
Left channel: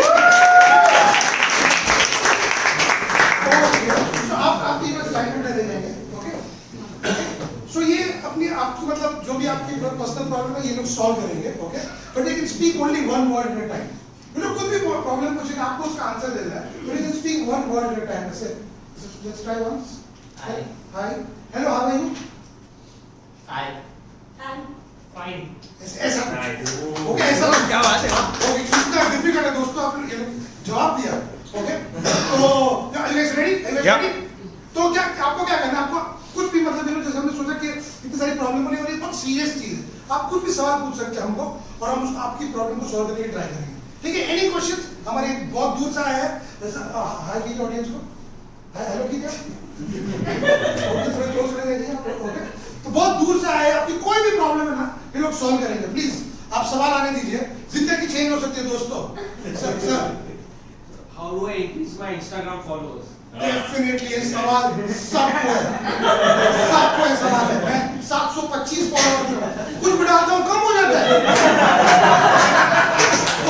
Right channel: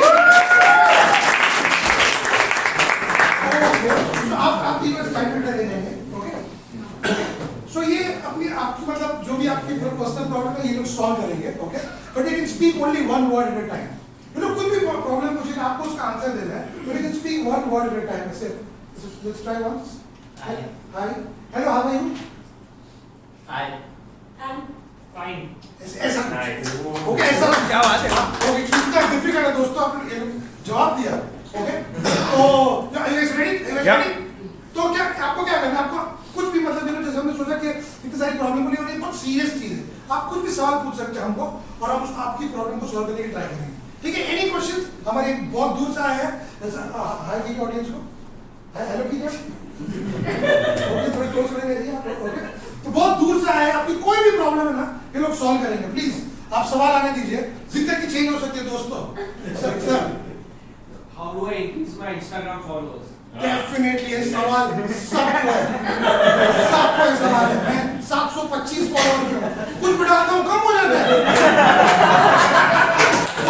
solve करेंगे, okay? But they can speak only one word at a time. You know कुछ भी problem पूछेगा आपको उसका answer देना है, but they can speak one word at a time. ऐसे let's try once. Hi, hello, how are you? Fine. ऐसा okay, ऐसा क्या बात है? ओके, इतना डिफिकल्ट है दोस्तों, आपने जवाब दिया, ओके? तो गाइस रेडी? तो क्या आपको क्या करना है? आपको कुछ भी मतलब जैसे हमने सोचा कि इतनी सारी प्रॉब्लम बनी और ये बहुत सीरियस चीज है, आप कुछ भी सवाल पूछ सकते हैं हमको और हम आपकी प्रॉब्लम को सॉल्व करने की ट्राई करेंगे, ठीक है? Any question? हमारे बहुत दूर से आया है, हाय की ऑडियंस को हाय, हेलो ठीक है, ओके, थोड़े क्लोज खड़े रहिए आप, ओके? तो बहुत दूर से आए, आपकी कोई भी प्रॉब्लम है ना, ये लोग सॉल्व करेंगे। प्लीज आप सवाल आने दीजिए, जिंदगी चेंज हो सकती है दोस्तों। Sir How do I increase my Instagram followers? Definitely ये सवाल सबको है सवाल है। मैं 725 फॉलोअर हूं, कुछ भी डालता हूं कम हो जाता है।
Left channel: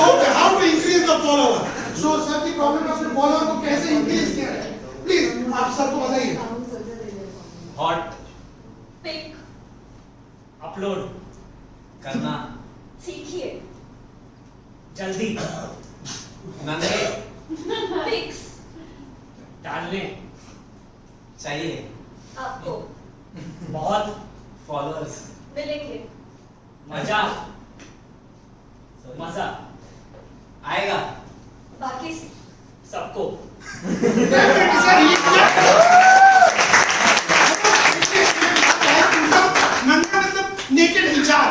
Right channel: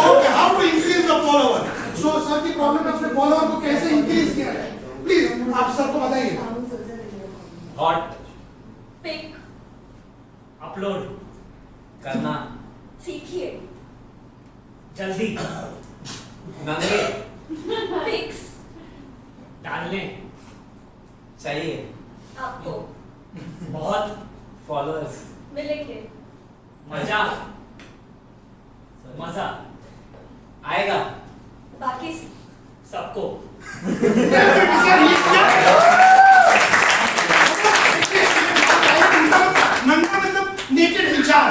Okay, how to increase the follower? So sir की प्रॉब्लम है, उसने फॉलोअर को कैसे इंक्रीज किया है, प्लीज आप सर को बताइए। हॉट पिक अपलोड करना, सीखिए। जल्दी नंगे पिक्स डालने चाहिए, आपको बहुत फॉलोअर्स मिलेंगे। मजा आएगा बाकी सबको। नंगा मतलब नेकेड विचार,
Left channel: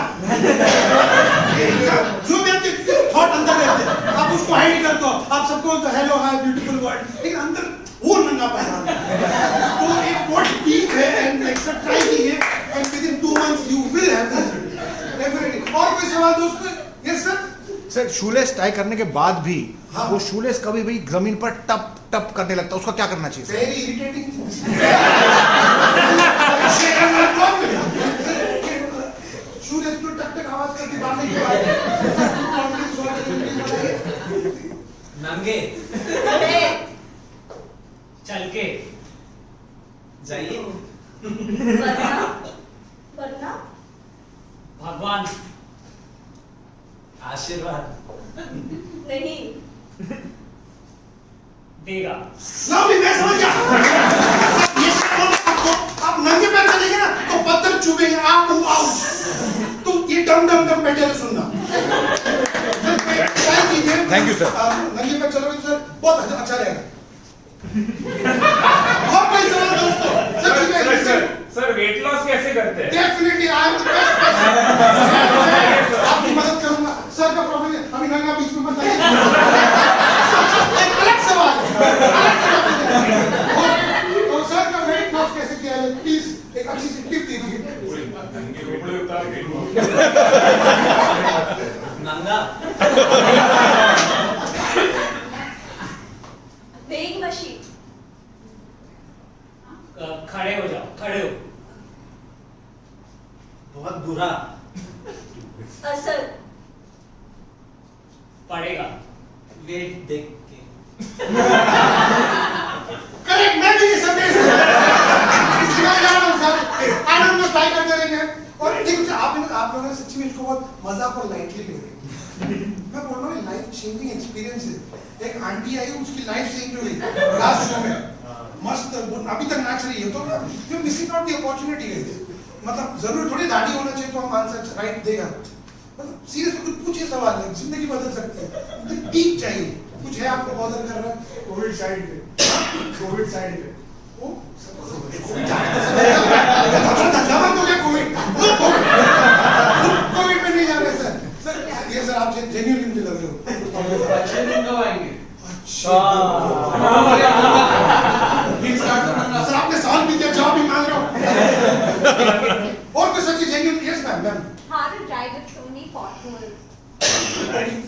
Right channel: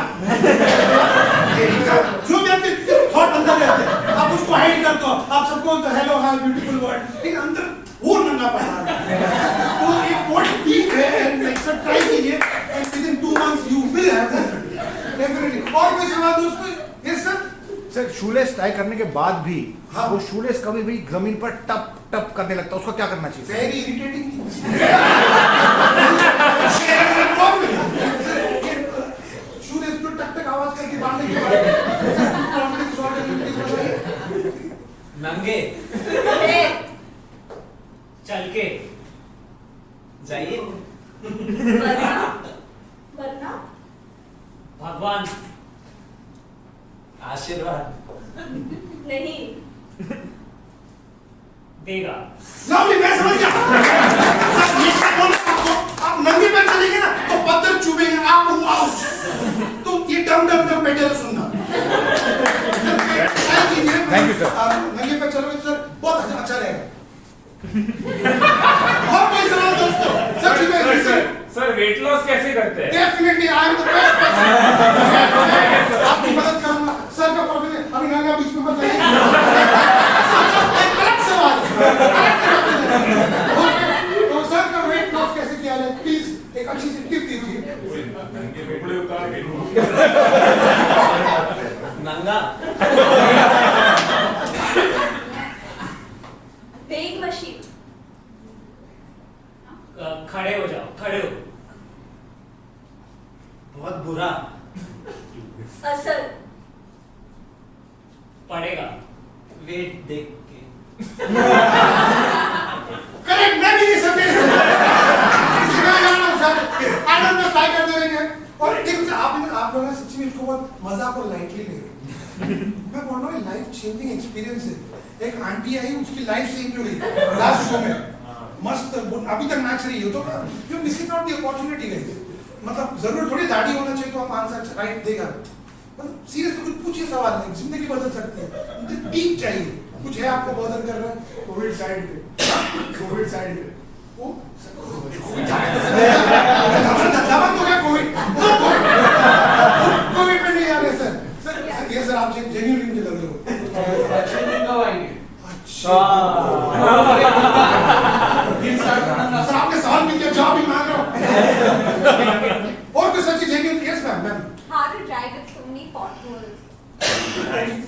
जो भी आपके थॉट अंदर रहते हैं आप उसको हाइड कर दो, आप सबको तो हेलो हाय ब्यूटीफुल वर्ड, लेकिन अंदर वो नंगा पाया। तो एक व्हाट डीप है एंड एक्सेप्ट ट्राई कीजिए and with in 2 months you will have definitely. और कोई सवाल दोस्तों? Yes sir. Sir shoelace tie करने के बाद भी हाँ। वो शूलेस कभी भी जमीन पर टप टप करने लगता है, उसका क्या करना चाहिए? Very irritating. शूलेस तो टक टक आवाज करके बांधने के बाद कॉन्फिडेंस सॉल्व करने के लिए नंगे चल के जाइए, वरना भगवान आशीर्वाद नहीं देगा। ना भी मैं समझ गया। ये क्या बोल रहा हूं आपको? आप नंगे पैर चलेंगे ना तो पत्थर चुभेंगे, आप आउट। तो ये डम बेटर सुनना। ट्राई कीजिए। Thank you, sir. नंगे पैर चलोगे तो सर बहुत अच्छा रहेगा। और कोई सवाल दोस्तों? सर सर वेट लॉस कैसे करते हैं? Definitely I am the best person. आपकी मदद करूंगा। सर का प्रॉब्लम है अभी नंगा बीच में बताइए। एक अलग सवाल है। तो सर का वेट लॉस कैसे किया जाए, प्लीज एक अच्छी सी टिप दीजिए। कपड़े उतार के नंगा वेइंग मशीन खड़े हो जाओ, खड़े हो। बहुत बुरा असर पड़ेगा वेट देख के। करेक्ट, मैं भी नहीं समझ sir. I don't know, try करते रहेंगे। और ठीक है, आप लोगों ने सच्ची में इसको बहुत मजाक और लाइटली ले रहे हैं। मैं बोल रहा हूँ लाइफ चेंजिंग एक्सपीरियंस है। एक आंटी आई, उसकी लाइफ चेंज हो गई लास्ट शो में। मस्त, अभी तक नाच रही है। तो ना you missing out the opportunity guys. मतलब जरूर थोड़ी दाढ़ी होना चाहिए तो हम आंसर राइट देगा। मतलब सीरियसली कुछ पूछिए सवाल है, जिंदगी बदल सकती है। डीप चाहिए। कुछ है आपको बदल कर रहा है? कोविड साइड पे, कोविड साइड पे वो कोविड हो गया। कोविड में नहीं जा रहे सर। सर ये सर आप जेन्युइनली मुझे लग रहे हो। अच्छे दिन कब आएंगे? अच्छा सर आपने सवाल भी किया, जवाब भी मांग रहा हूँ। और कुछ सच्ची genuine? Yes ma'am. How to drive with so many potholes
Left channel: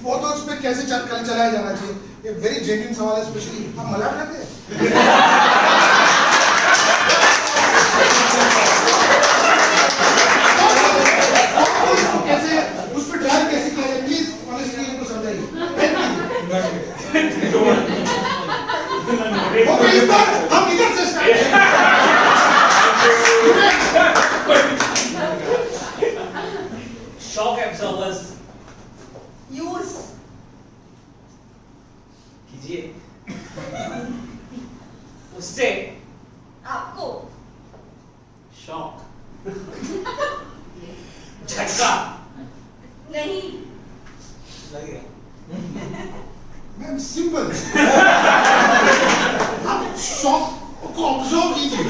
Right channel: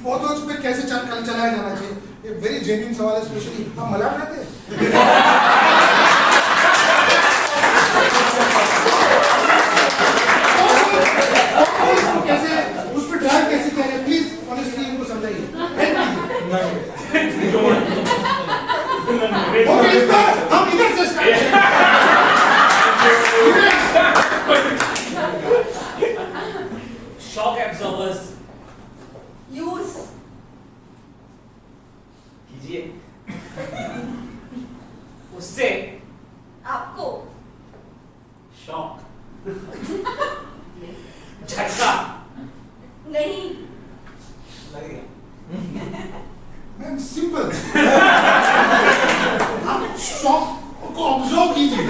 photos पे कैसे चलाया जाना चाहिए, ये वेरी जेन्युइन सवाल है। स्पेशली आप मलयालम रहते हैं? कैसे उस पर ड्राइव कैसे किया जाए, प्लीज ऑनेस्टली इनको समझाइए। ओके, इस बार हम इधर से स्टार्ट शॉक एब्जॉर्बर कीजिए। उससे आपको शौक। झटका नहीं। लगेगा। Ma'am simple. आप शॉक को ऑब्जर्व कीजिए।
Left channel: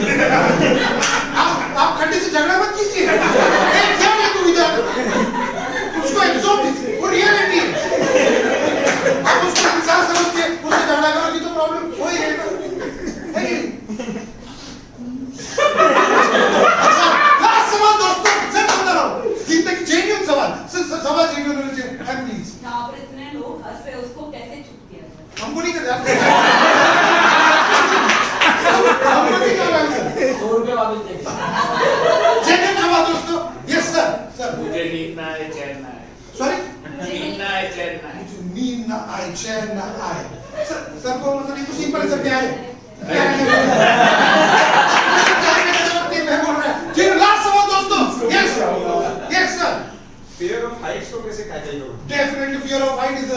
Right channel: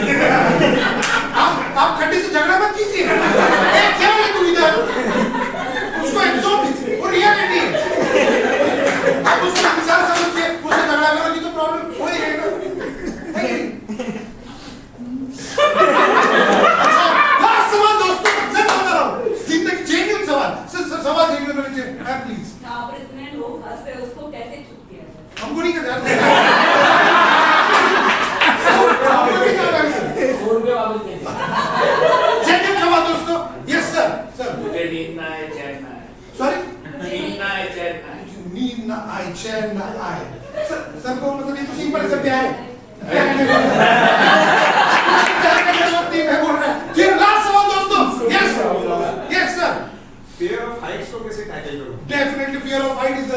आप खड्डे से झगड़ा मत कीजिए। क्या है तू इधर? उसको एब्जॉर्ब कीजिए। वो रियलिटी है। आप उसको इंसान समझ के उससे झगड़ा करोगी तो प्रॉब्लम हो ही रहेगा। अच्छा, लास्ट सवाल दोस्तों, सच बता रहा हूँ, जिंदगी जेन्युइन सवाल, सवाल जेन्युइन होने चाहिए, प्लीज। यहाँ पर इतने लोग हंस रहे, उसको कैसे चुप किया जाए? हमको नहीं कहते। हमको नहीं कह रहा है। 100 रुपये वापस दे। जेन्युइन सवाल दोस्तों। Yes sir, sir. मुझे नींद ना आए, चैन ना आए। सॉरी? नींद ना आए, चैन ना आए। नींद ना आए, चैन ना आए। सर को मतलब ये तो सिंपल है सर, क्या है? मैं बोल रहा है। ठीक, लास्ट सवाल दोस्तों। Yes, yes sir. Fear of heights को कैसे टैकल करोगे? Definitely, fear of height is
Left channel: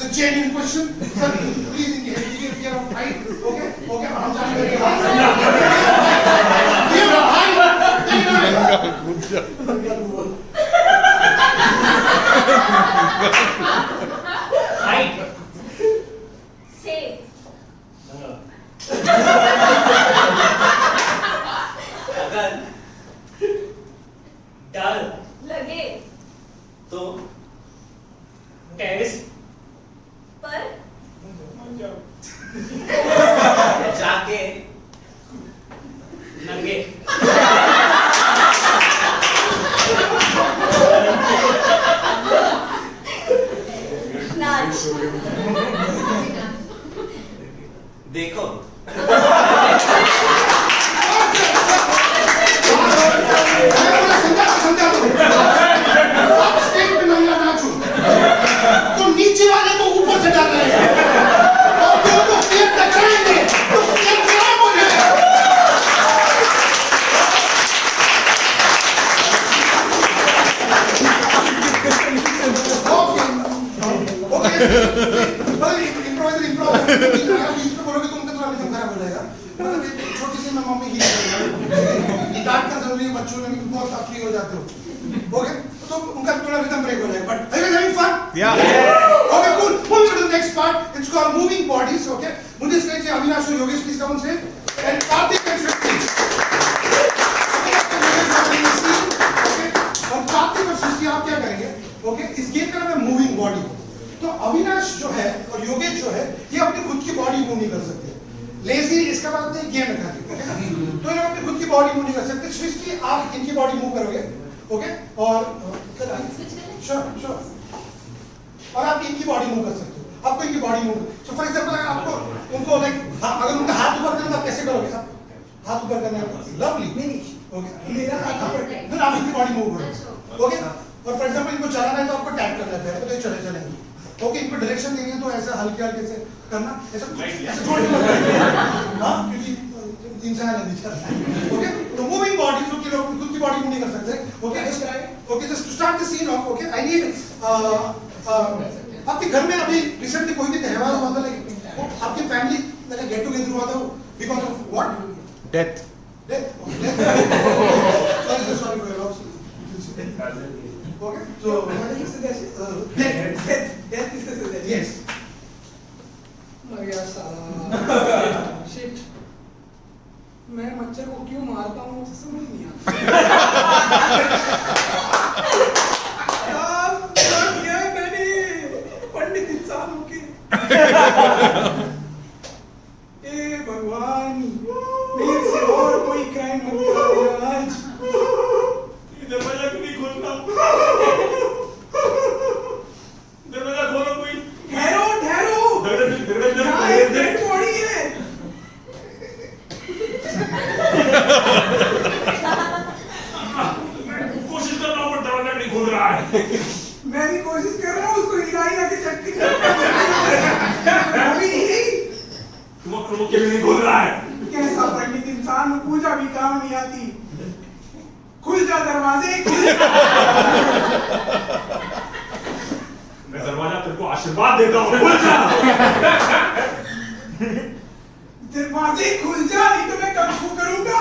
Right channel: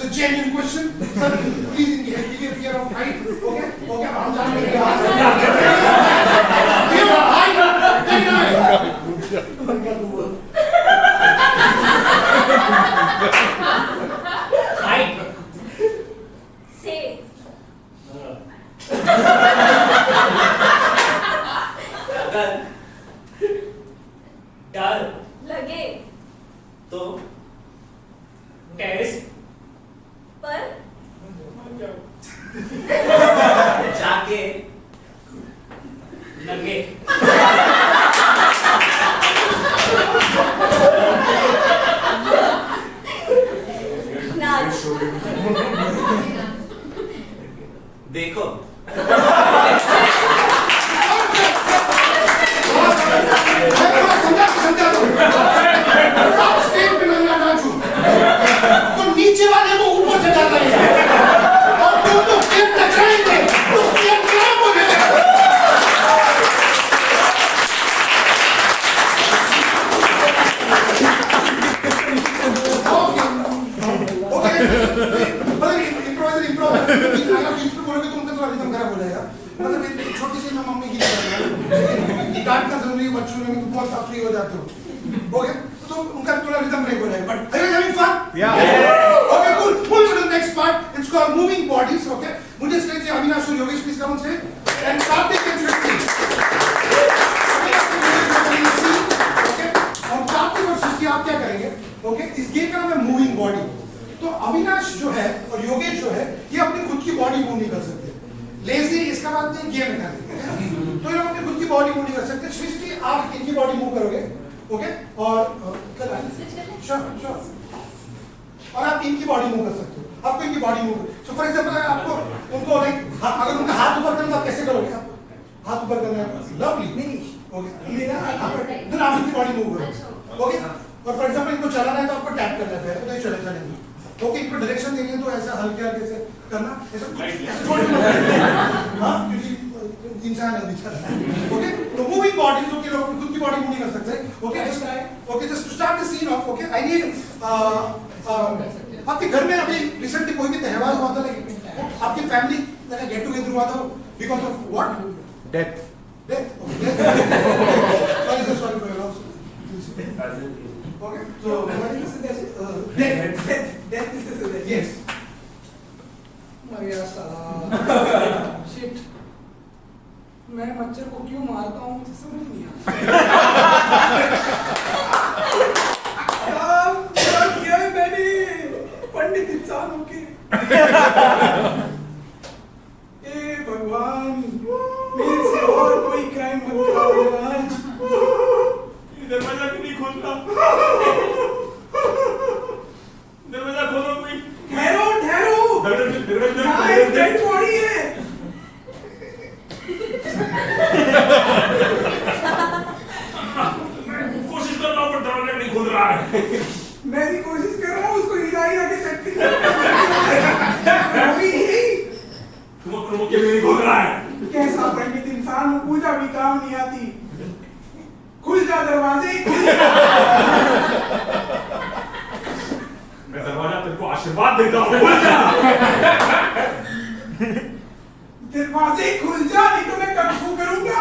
a genuine question. Sir, please engage fear of height. Okay, okay. हम जान लेंगे। Fear of height. हाइट से अगर डर लगे तो टेरिस पर जाके नंगे नाच देखो। आप स्टेज पे नंगा नाचो तो नीचे वाले को ऊपर से डाल रहे हैं और तुम तो स्टेज टकराएंगे तो स्टेज क्या बोले? ओके मतलब इम्प्रोवाइजर अगर बीच में बोलोगे तो उनका थोड़ा रिदम खराब हो जाएगा। मतलब एक छोटी सी मैं मम्मी की डांटना जरूरी है बच्चों में, बहुत आप फ्री हो जाते हो। ओके तो उनका थोड़ा रिदम ब्रेक हो जाएगा, but are you having fun? Okay, cool. Moving to the next part. It's called moving bodies. Okay. मुझे इसके लिए अविनाश और योगेश प्लीज कम से and कार्तिक and सृष्टि। और कार्तिक और सृष्टि आप क्या करेंगे? ओके इस गेम का नाम है मूविंग बॉडी। तो अविनाश जो है और योगेश जो है ये अपनी खुद की बॉडी मूव नहीं कर सकते। लेजी इसका बात नहीं, गेम है खाली। तो ये लोग अपनी खुद की बॉडी मूव नहीं कर सकते। सृष्टि आप इनकी बॉडी मूव करोगे। ओके और श्योर श्योर और आप इनकी बॉडी मूव कर सकते हो। आपको इनकी body move so for example अगर आपको उनको लाइक अगर उनका हाथ ऊपर करना आप कैसे करोगे? हाथ ऊपर करना है लवली नहीं ओके मेरा हाथ ऊपर देन आप इनकी बॉडी मूव करोगे। ओके और फॉर एग्जांपल इनको चलाना है तो आपको टैप करना है तो ये चले चलेंगे। ओके इनको डायरेक्शन देनी है तो ऐसा हल्के हल्के से करना ऐसा जोड़ के हां क्योंकि इंसान है बेचारा। ओके तो मूविंग बॉडी जो कि लोग खुद की बॉडी मूव नहीं कर सकते। Okay just to start the scene of okay I need आपके घर में अभी रिसेंटली कोई भी त्योहार हुआ था लेकिन आपकी फैमिली लाइक गेट टुगेदर हुआ था because of what? Death. Death. Sorry for your loss. Okay. So what is the suggestion? Death is the suggestion. Yes. मर गया साला। Shit. मैं मच्छर को क्यों मारता हूँ मुझे समझ नहीं आता। क्या किया है मैंने पंडित इंसानों के? ए भगवान मेरे से और कोई क्राइम मत करा आज। दरवाजा क्यों नहीं खोलता? दरवाजा खोलो कोई। ठहरो ठहरो यहाँ एक डेड बॉडी है। कोशिश कर रहा हूँ पर दरवाजा नहीं खोल रहा है। मैं भी कोशिश कर रहा हूँ उसको हिला हिला के शक्ति तुम के लिए नहीं खोल रहा है। कैसा पंडित इंसान हो, पूजा भी काम नहीं आती। खुल जा दरवाजे खुल जा। मैं दरवाजा तेरे को को आशीर्वाद देता हूँ। खुल जा। दरवाजे खुल जा, नहीं तो मैं कंफू करूंगा।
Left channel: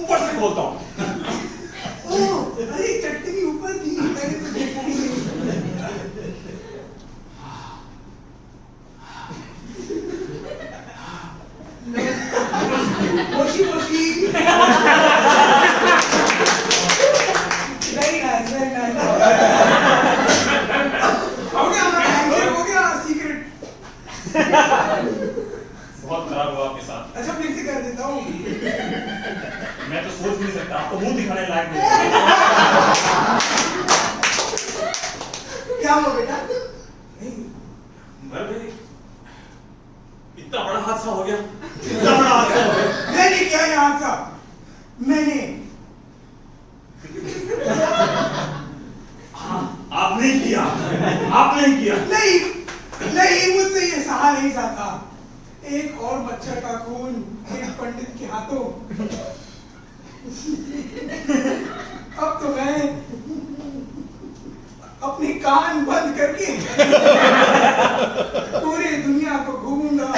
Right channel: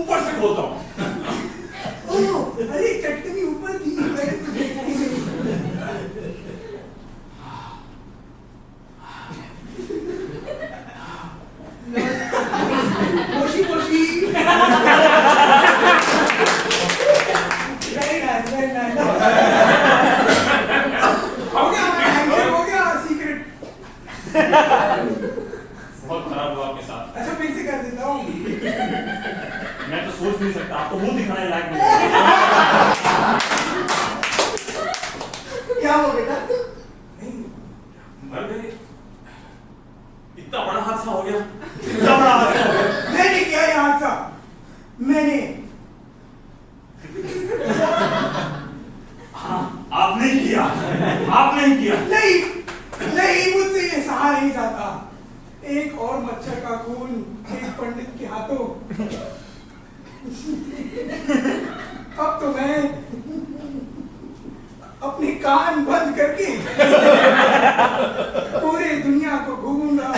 ऊपर से बोलता हूँ। ओह, अरे चटनी ऊपर थी, मैंने तो देखा ही नहीं। Moshi Moshi. Very nice, very nice. हो गया हमारा handshake, हो गया secret. बहुत खराब हुआ आपके साथ। अच्छा फिर से कर देता हूँ। मैं तो सोच नहीं सकता, आपको मुंह दिखाने लायक नहीं। क्या हो बेटा? नहीं, भाई इतना बड़ा हादसा हो गया। इतना बड़ा हादसा हो गया। मैंने किया ये हादसा, मैंने। हाँ, आपने किया। आपने किया। नहीं नहीं, मुझसे ये सहा नहीं जाता। एक और मच्छर का खून एक पंडित के हाथों। अब तो मैं अपनी कान बंद करके पूरी दुनिया को घूमूंगा।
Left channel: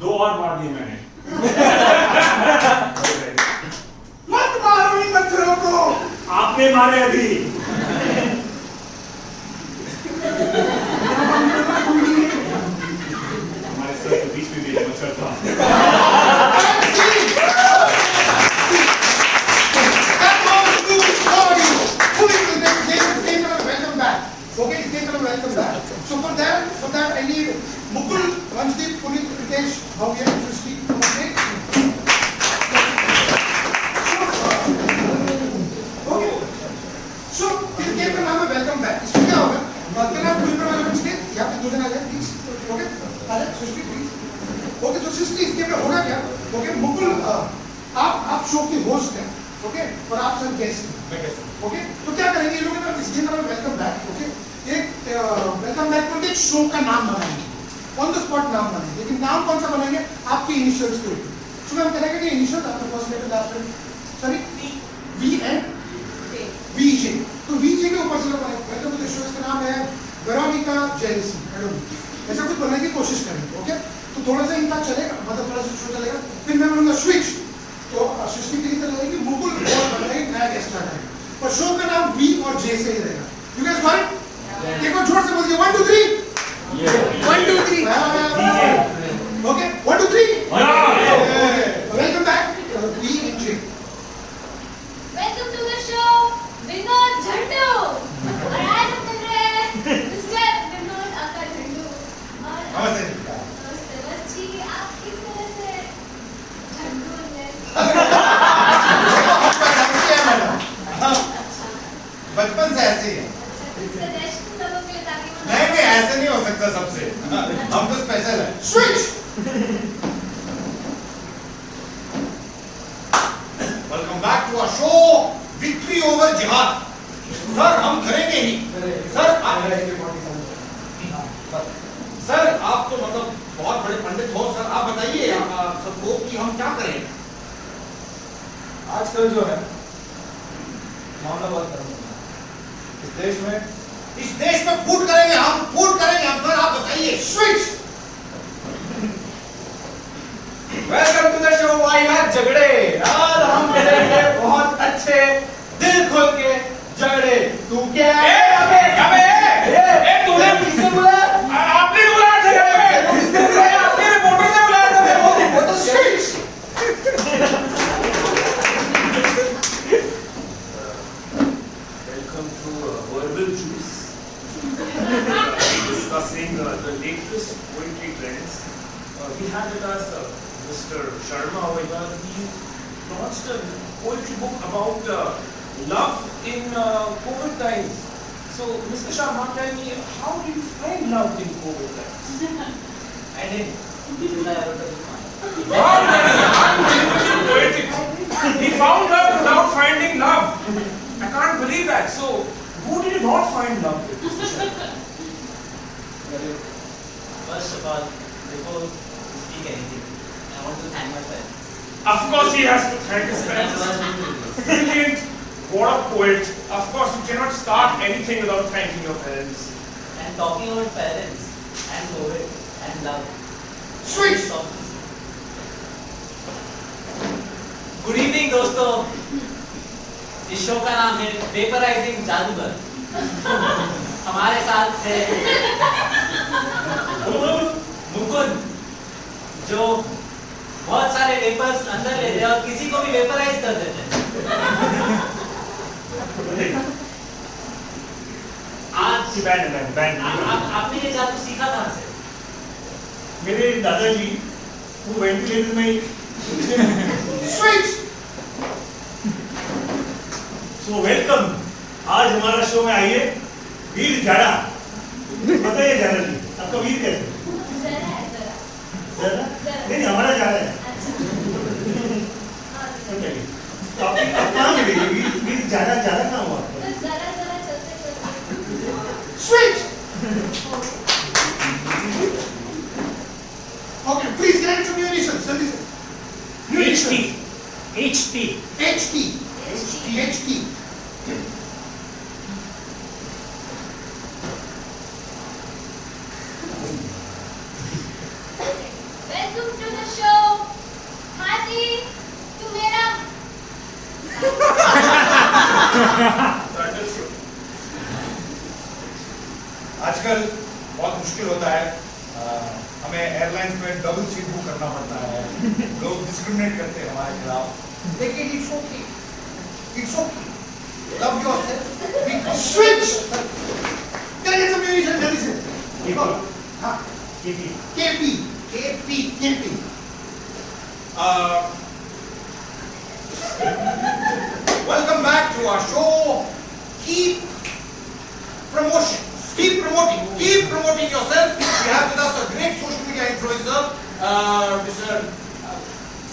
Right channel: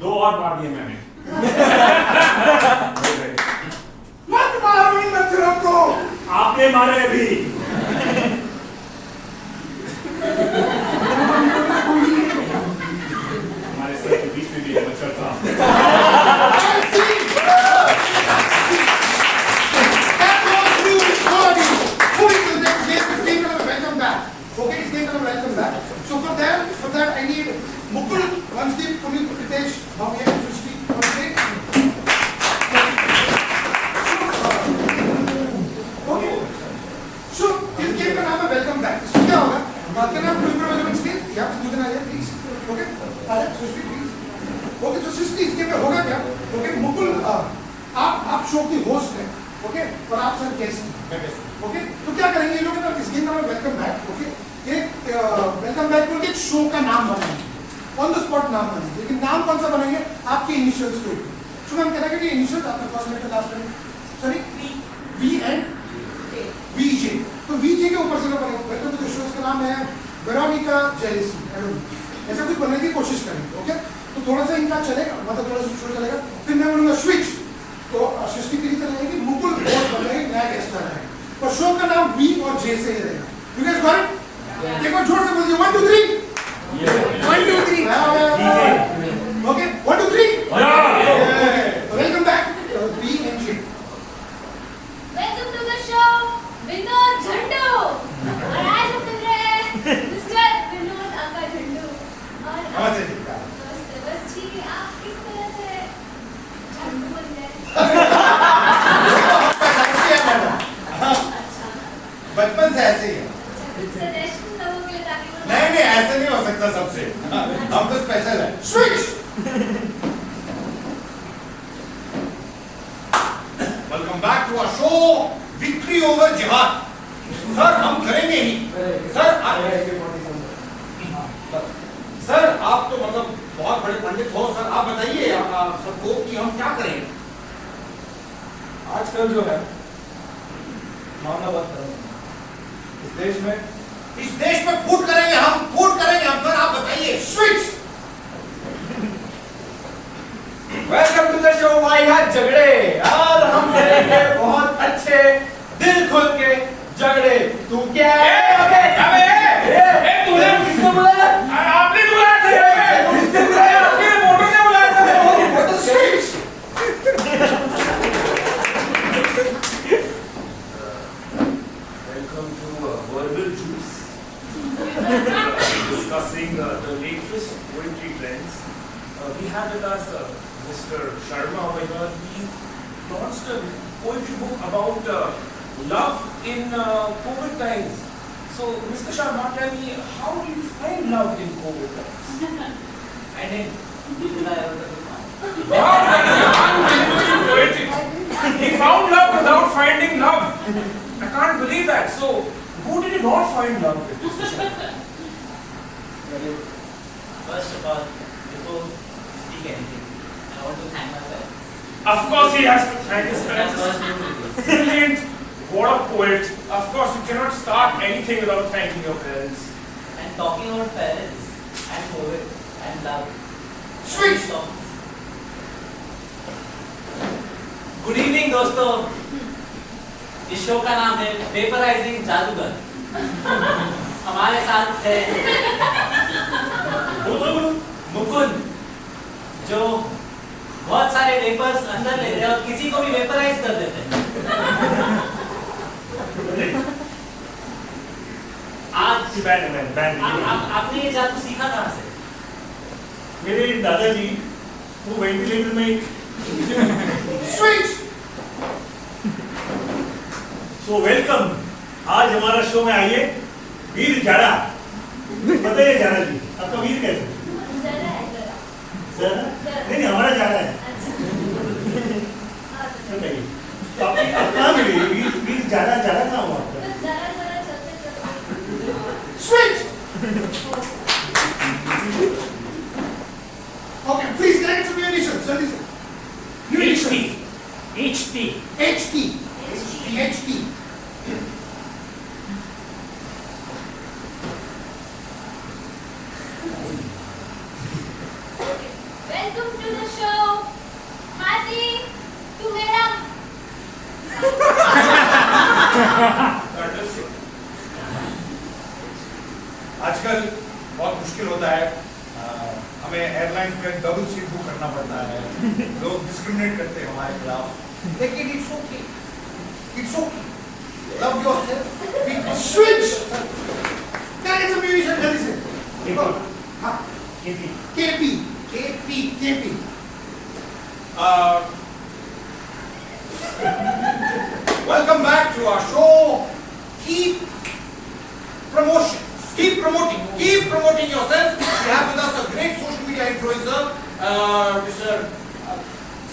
दो और मार दिए मैंने। मत मारो इन मच्छरों को। आपने मारे अभी। हमारे सर के बीच में भी एक मच्छर था। Okay, it's going to welcome back. So for that, I need Mukul, Vanshdeep, Puneet, Ritesh, Bhavya, to speak on stage. Okay. So this game का नाम है Welcome Back. इसमें क्या होगा? क्या नाम पूरी प्रॉब्लम on stage? यहाँ पे 2 दिन आ जाए, please. Okay? आ जाए, सृष्टि, please. Okay, तो सृष्टि इस गेम में होगा क्या? Okay, मुकुल, आप शो की होस्ट हैं, okay? और आप सब गेस्ट हैं. ओके तो क्या करेंगे ये लोग ना इस गेम का वेलकम बैक ओके एक वेलकम बैक को एक शो का नाम बनाएंगे ऑन द स्पॉट नाम बनाएंगे लेकिन नाम कौन सा बनाएंगे आपके इनिशियल्स के ऊपर सो हम कहेंगे कि इनिशियल्स आपका first letter last letter sorry V and V J तो वी जे के ऊपर से लोग बनाएंगे वेलकम टू द शो इसका नाम है वेरोनिका जेलिसी ऐसा कुछ बनाने की कोशिश करेंगे ओके तो थोड़ा सा इनका चलेगा मतलब थोड़ा सा शो चलेगा फिर मैं बोलूंगा स्विच तो सृष्टि की तरह रहेगी मुकुल और बनाएगी नया गेस्ट आ जाएगा पर शो का नाम वी और जे से ही रहेगा यू गाइस गॉट इट एक बार जोर से बोलिए 1 2 3 1 2 3 okay 1 2 3 welcome back V and J welcome to the show Vinod Jhandu और आज हम मिल रहे हैं मिस्टर विनोद अंकल झंडू और नमस्ते नमस्ते बस ठीक है आप किस तरह से झंडू बन गए बचपन से ऐसे ही है सजेशन लोगों के लिए ताकि नहीं नहीं ऐसे नहीं हो सकता सबसे हम तो स्पेशल है switch welcome back to our show victory over जिहाद सर हम करेंगे ही सर सर आप तो मतलब बहुत बड़े पंडित हो सर आप बताइए सबको कि हम क्या करें आजकल जो है मामला बहुत खराब है इस देश में फूट करेंगे हम सर आप बताइए switch welcome to the show वाहियात झगड़े आज हम करेंगे बहुत अच्छे दिल खोल के झगड़े तू क्या है अबे तूने किसको बुलाया आपने बुलाया था किसने बुलाया आपने रिपोर्टर ने बुलाया था वो तो switch Welcome to Verbal Juice. Discussing the latest poetry trends. We have with us Mr. Sharma over here. He launched a poetry book about love in COVID times. So, Mr. Sharma, tell me, how did you find love in COVID times? I didn't. Wow, that is unbelievably poetic. He found love without finding love. I can't believe that. So, who did you not find love with, Mr. Sharma? First of all, before speak anything, I want to thank my parents. Of course, he has to thank his That's parents. first thing to do. what a poet. Of course, you cannot start anything without thanking your parents. And talking about parents and poet and love. Switch. Good evening दोस्तों, इस show का नाम है वेपराइजिंग जादूगर। हमारे साथ है मुकुंद, जो बहुत सारे वेपर्स अंदर लेते हैं और किसी को भी वेपराइज कर देते हैं। आज आपने ये जादू सीखा कहाँ से? मेरे दादाजी वो वेंटिलेटर में स्विच। सो वेलकम, आज हमारा शो में आइए वीर जाड़ा। बताइए जाड़ा जी, आपका वीर कैसे? जरा है जरा। जाड़ा? नहीं हमारा जाड़ा है। बताइए तो आप कहाँ मिले वीर जाड़ा? जाड़ा कहाँ हुआ आपका? जरा जरा चलते चलते। Switch. Okay, please connect some new additions. Send this. New additions. HT. HT. Welcome to the show. हाथी, तू मेरा आजकल बहुत मुश्किल होता है, हमें एयरलाइंस में डबल सीट बुक करना पड़ता है। लोग डिस्क्रिमिनेट करते हैं हमारे खिलाफ, लेकिन it's okay, it's okay. Love yourself, be Switch. Connect some new additions. Send this. हाँ. KP. Welcome back to our show. Keep promoting yourself. We have with us a great social media influencer, Mr.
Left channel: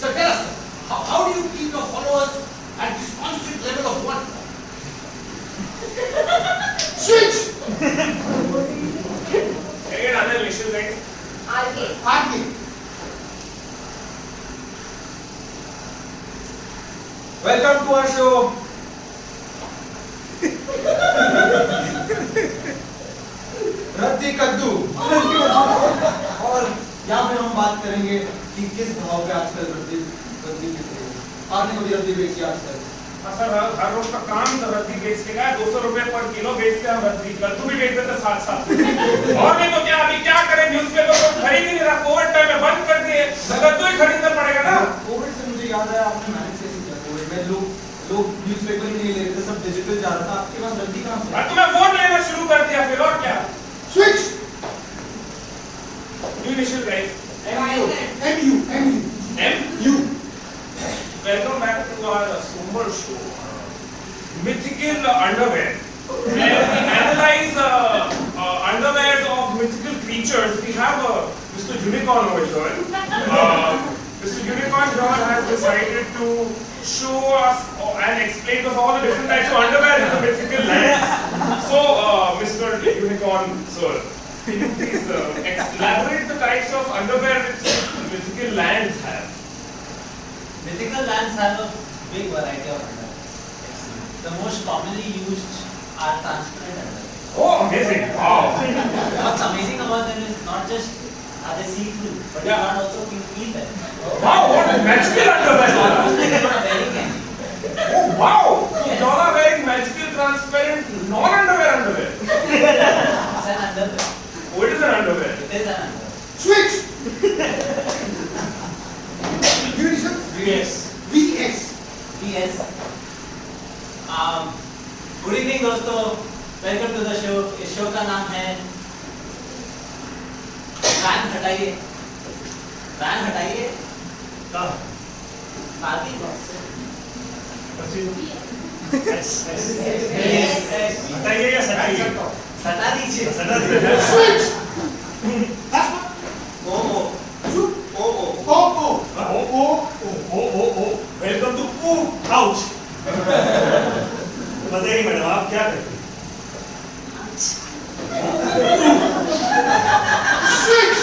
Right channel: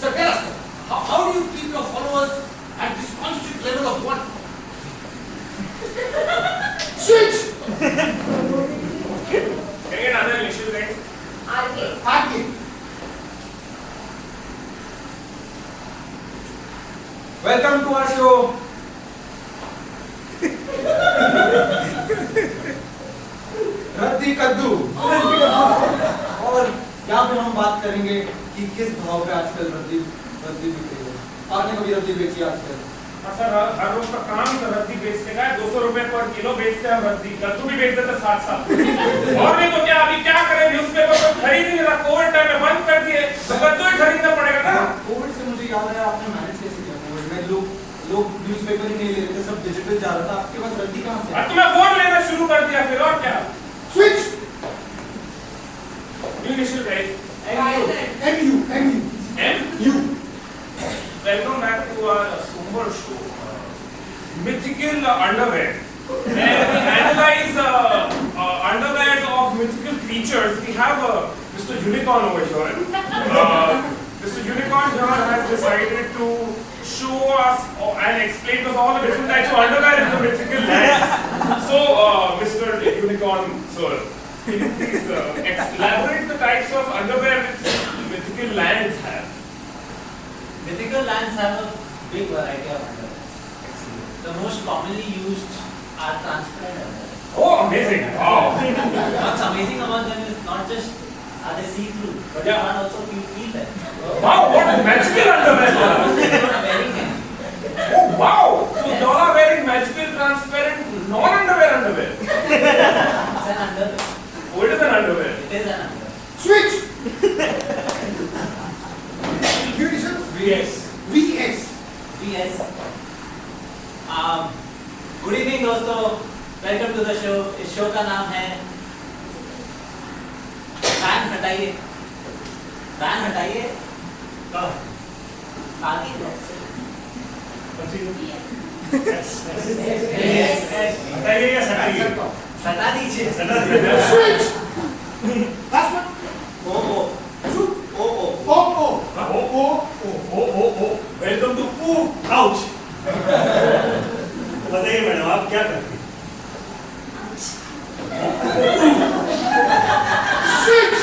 Tell us, how do you keep your followers at this constant level of one? Switch. Can I get another initial guys? आगे. Welcome to our show. रद्दी कद्दू। और यहाँ पे हम बात करेंगे कि किस भाव पे आजकल रद्दी बिक रही है। आपने कभी रद्दी बेची आजकल? सर हर रोज का काम तो रद्दी बेचने का है। 200 रुपए पर किलो बेचते हैं रद्दी। कद्दू भी बेच देते साथ साथ। और नहीं तो क्या, अभी क्या करें, न्यूज़पेपर तो खरीद ही नहीं रहा, कोविड टाइम में बंद कर दिए, तो कद्दू ही खरीदना पड़ेगा ना। कोविड से मुझे याद आया, आपने मैनेज कैसे किया? कोविड में लोग न्यूज़पेपर ही नहीं ले रहे थे, सब डिजिटल जा रहा था, आपके पास रद्दी कहाँ से? तो मैं फोन लेना शुरू कर दिया फिर, और क्या। Switch. New initial guys. MU. Welcome back to our Sumber show, Mythical Underwear, where we analyze underwears of mythical creatures. We have Mr. Unicorn over here. Mr. Unicorn here has decided to show us and explain to us all the different types of underwear in the mythical lands. So, Mr. Unicorn, sir, can you please elaborate the types of underwear which mythical lands have? Mythical lands have a big variety of underwear. The most commonly used are transparent underwear. Oh, amazing! Wow! What's amazing about them is not just are they see-through, but you can't also feel them. Wow, what magical underwear! You're not wearing any. Oh, wow! So you all are wearing magical, transparent, non-underwear. It's an underwear. Oh, it is an underwear. It is an underwear. Switch. New additions. VS. VS. Good evening दोस्तों, welcome to the show. इस show का नाम है van हटाइए। Parking lot से। बताइए या सटाइए? हटा दीजिए। Switch. Last one. Welcome to pooh ouch. बताइए मैडम, आप क्या करते हैं? Switch.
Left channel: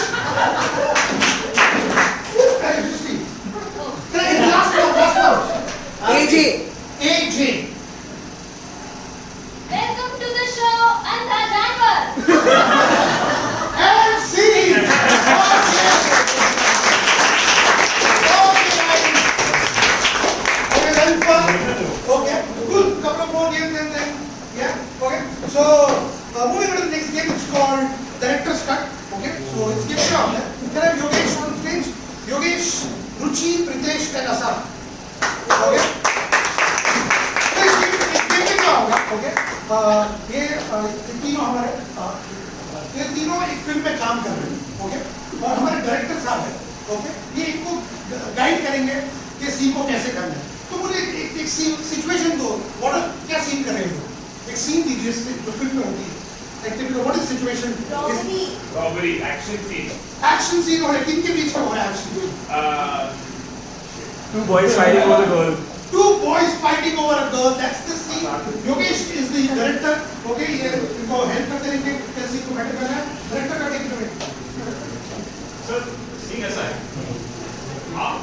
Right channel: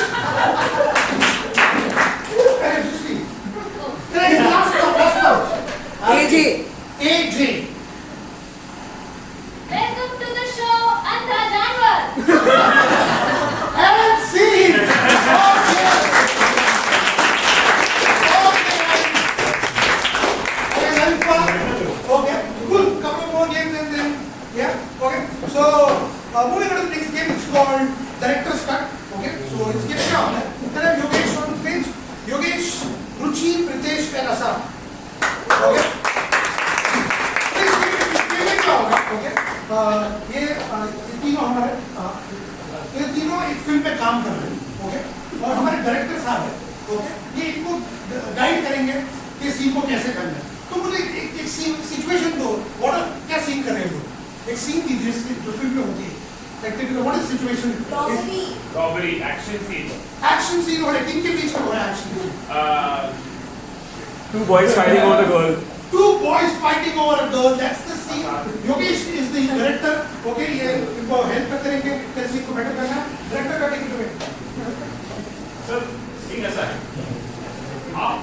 Last one. AJ. and Assam. Okay? तो इस गेम में क्या होगा? Okay? ये तीनों हमारे ये तीनों एक फिल्म में काम कर रहे हैं. Okay? और हमारे डायरेक्टर साहब हैं. Okay? ये इनको गाइड करेंगे कि सीन को कैसे करना है. तो मुझे एक सिचुएशन दो. क्या सीन कर रहे हैं लोग? एक सीन दीजिए जो फिल्म में होती है. What is the situation? Robbery, action scene. Action scene हो रहा है. किनके बीच में हो रहा है action scene? Two boys fighting over a girl. Two boys fighting over a girl. That's the scene. Yogesh is the director. Okay, ये इनको help करते रहेंगे कैसे सीन को बेटर करना है. Director का टेक इट. सर सीन ऐसा है, आप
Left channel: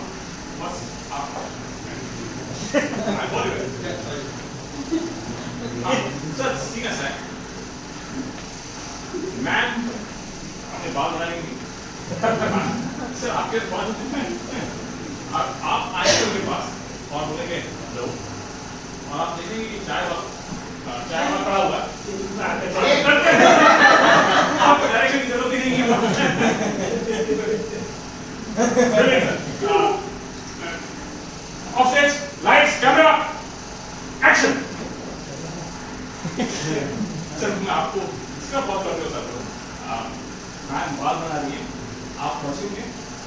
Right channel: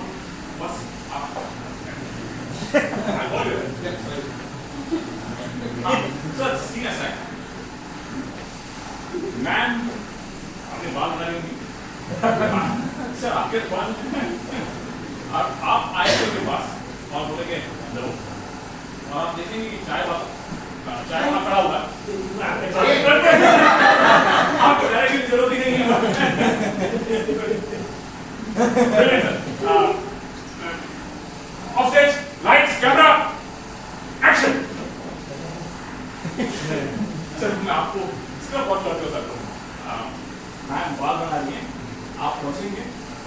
बस आप सर सीन ऐसा है, मैम अपने बाल बना लेंगे सर आपके पास, और आप आए उनके पास और बोलेंगे हेलो, और आप देखेंगे कि चाय वाला खड़ा हुआ है, आपको डायरेक्शन की जरूरत ही नहीं है. Offset, lights, camera, action. Sir मैं आपको इसका बहुत करते हो सर. मैम बाल बना रही है, आप पहुंचेंगे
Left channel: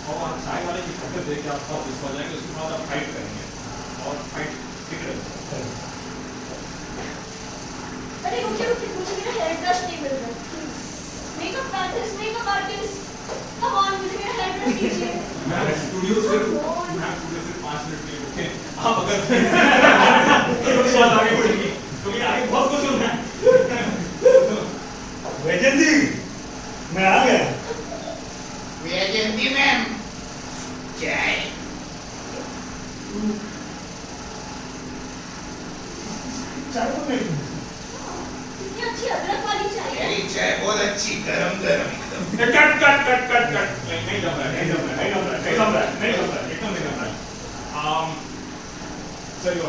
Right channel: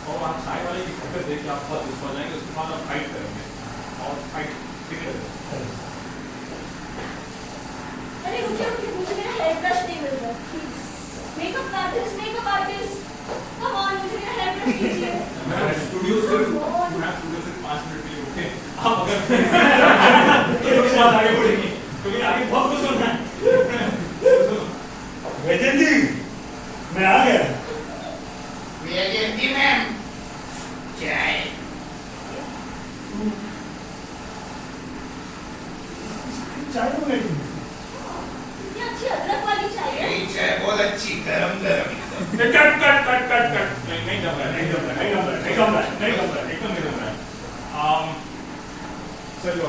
और आप चाय वाले की हरकत देख के आप बहुत गुस्सा जाएंगे. उसके बाद आप फाइट करेंगे और फाइट बिगड़ जाएगी. अरे रुकिए रुकिए, मुझे मेरा हेयर ब्रश नहीं मिल रहा. Please makeup artist come on, मुझे मेरा हेयर ब्रश दीजिए. मैं स्टूडियो सिर्फ 5 मिनट के लिए रुके. आप अगर एक बात आगे बढ़ेंगी तो मैं आगे बहुत कुछ होना है. वैजंती, मैं आ गया. वैजयंती मैम, चाय. चाय तो नहीं. इतनी अच्छी अदरक वाली चाय है. मेरी चाय बहुत अच्छी, गरम गरम एकदम. कट नहीं जम रहा है, एकदम नहीं जम रहा है. चलिए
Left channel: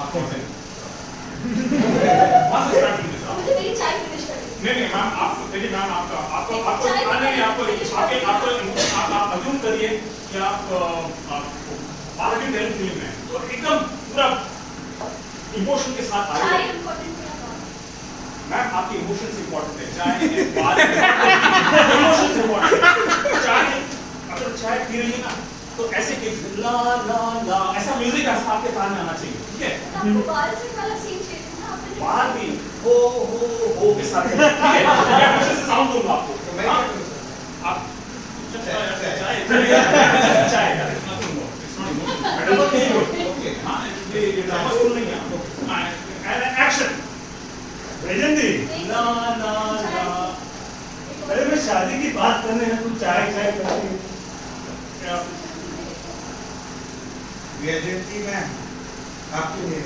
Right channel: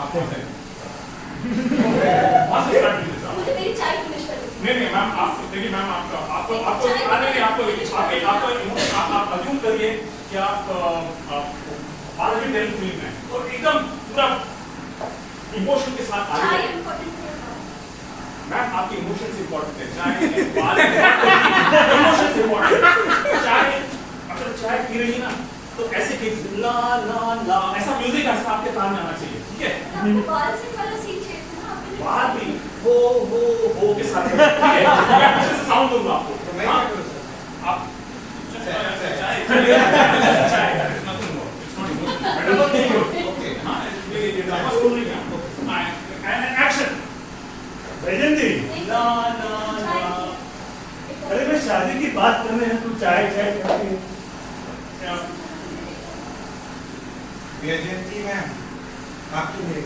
आप कौन से वहाँ से स्टार्ट कीजिए. मुझे मेरी चाय फिनिश करनी है. नहीं मैम, आप देखिए मैम, आप अज्यूम करिए कि आप भारत की टेरेंट फिल्म में तो एकदम पूरा इमोशन के साथ आगे. चाय इम्पोर्टेंट है. मैम आपके इमोशंस इंपॉर्टेंट है. चाय इमोशंस इंपॉर्टेंट है. चाय अगर चाय पी रही है ना तो ऐसे कि ला ला ला ऐसा म्यूजिक ऐसा आपके कान में आना चाहिए. ठीक है, आपको बाल से वाला सीन चाहिए था ना. आपने बाहर भी हो के साथ. ठीक है, मैं कुछ ऐसा साउंड दूंगा आपको. हाँ? आप चाय ये ड्रामा स्कूल नहीं है आपको. एक्शन. वैजंती, अरे मैं शादी की बात करने हैं, तू चाय कहती है. वैजयंती मैम, आपके लिए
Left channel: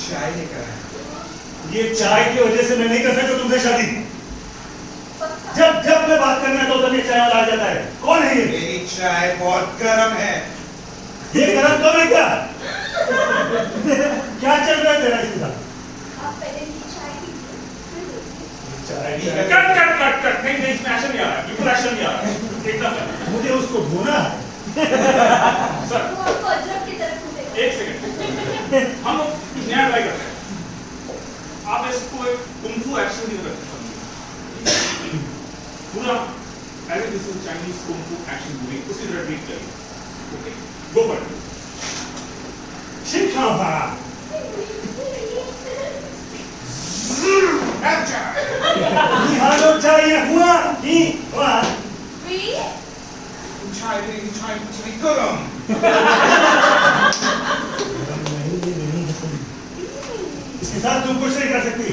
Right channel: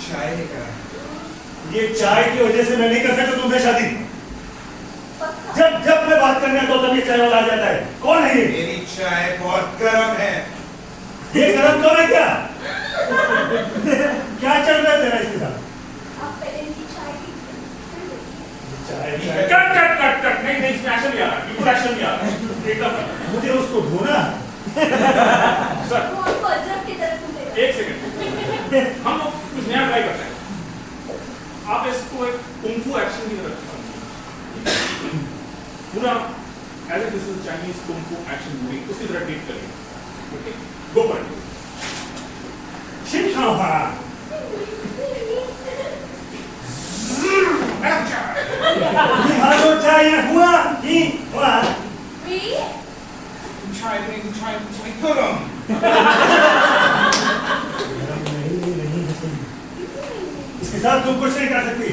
चाय लेकर आया. ये चाय की वजह से मैं नहीं कर सकता तुमसे शादी. जब मैं बात करना तो तभी चाय वाला आ जाता है. कौन है ये? मेरी चाय बहुत गर्म है. ये गरम कब है क्या? क्या चल रहा है तेरा इसके साथ? आप पहले इनकी चाय पीजिए. कट नहीं इसमें एक्शन नहीं आ रहा है. बिल्कुल एक्शन नहीं आ रहा है. एकदम मुझे उसको ढूंढना. सर वो आपको अदरक की तरफ कूदेगा. एक सेकंड, हम लोग कुछ नया ट्राई करते हैं. आप इसको एक कुंफू एक्शन की तरह समझिए. पूरा as it is Chinese kung fu action movie उसी तरह ट्रीट करिए. Okay, go for it. शिखावा. मैम चाय. निहालो चाय हुआ ही हुआ. वी चाय गरम. इसके साथ तुम कुछ नहीं कर सकती.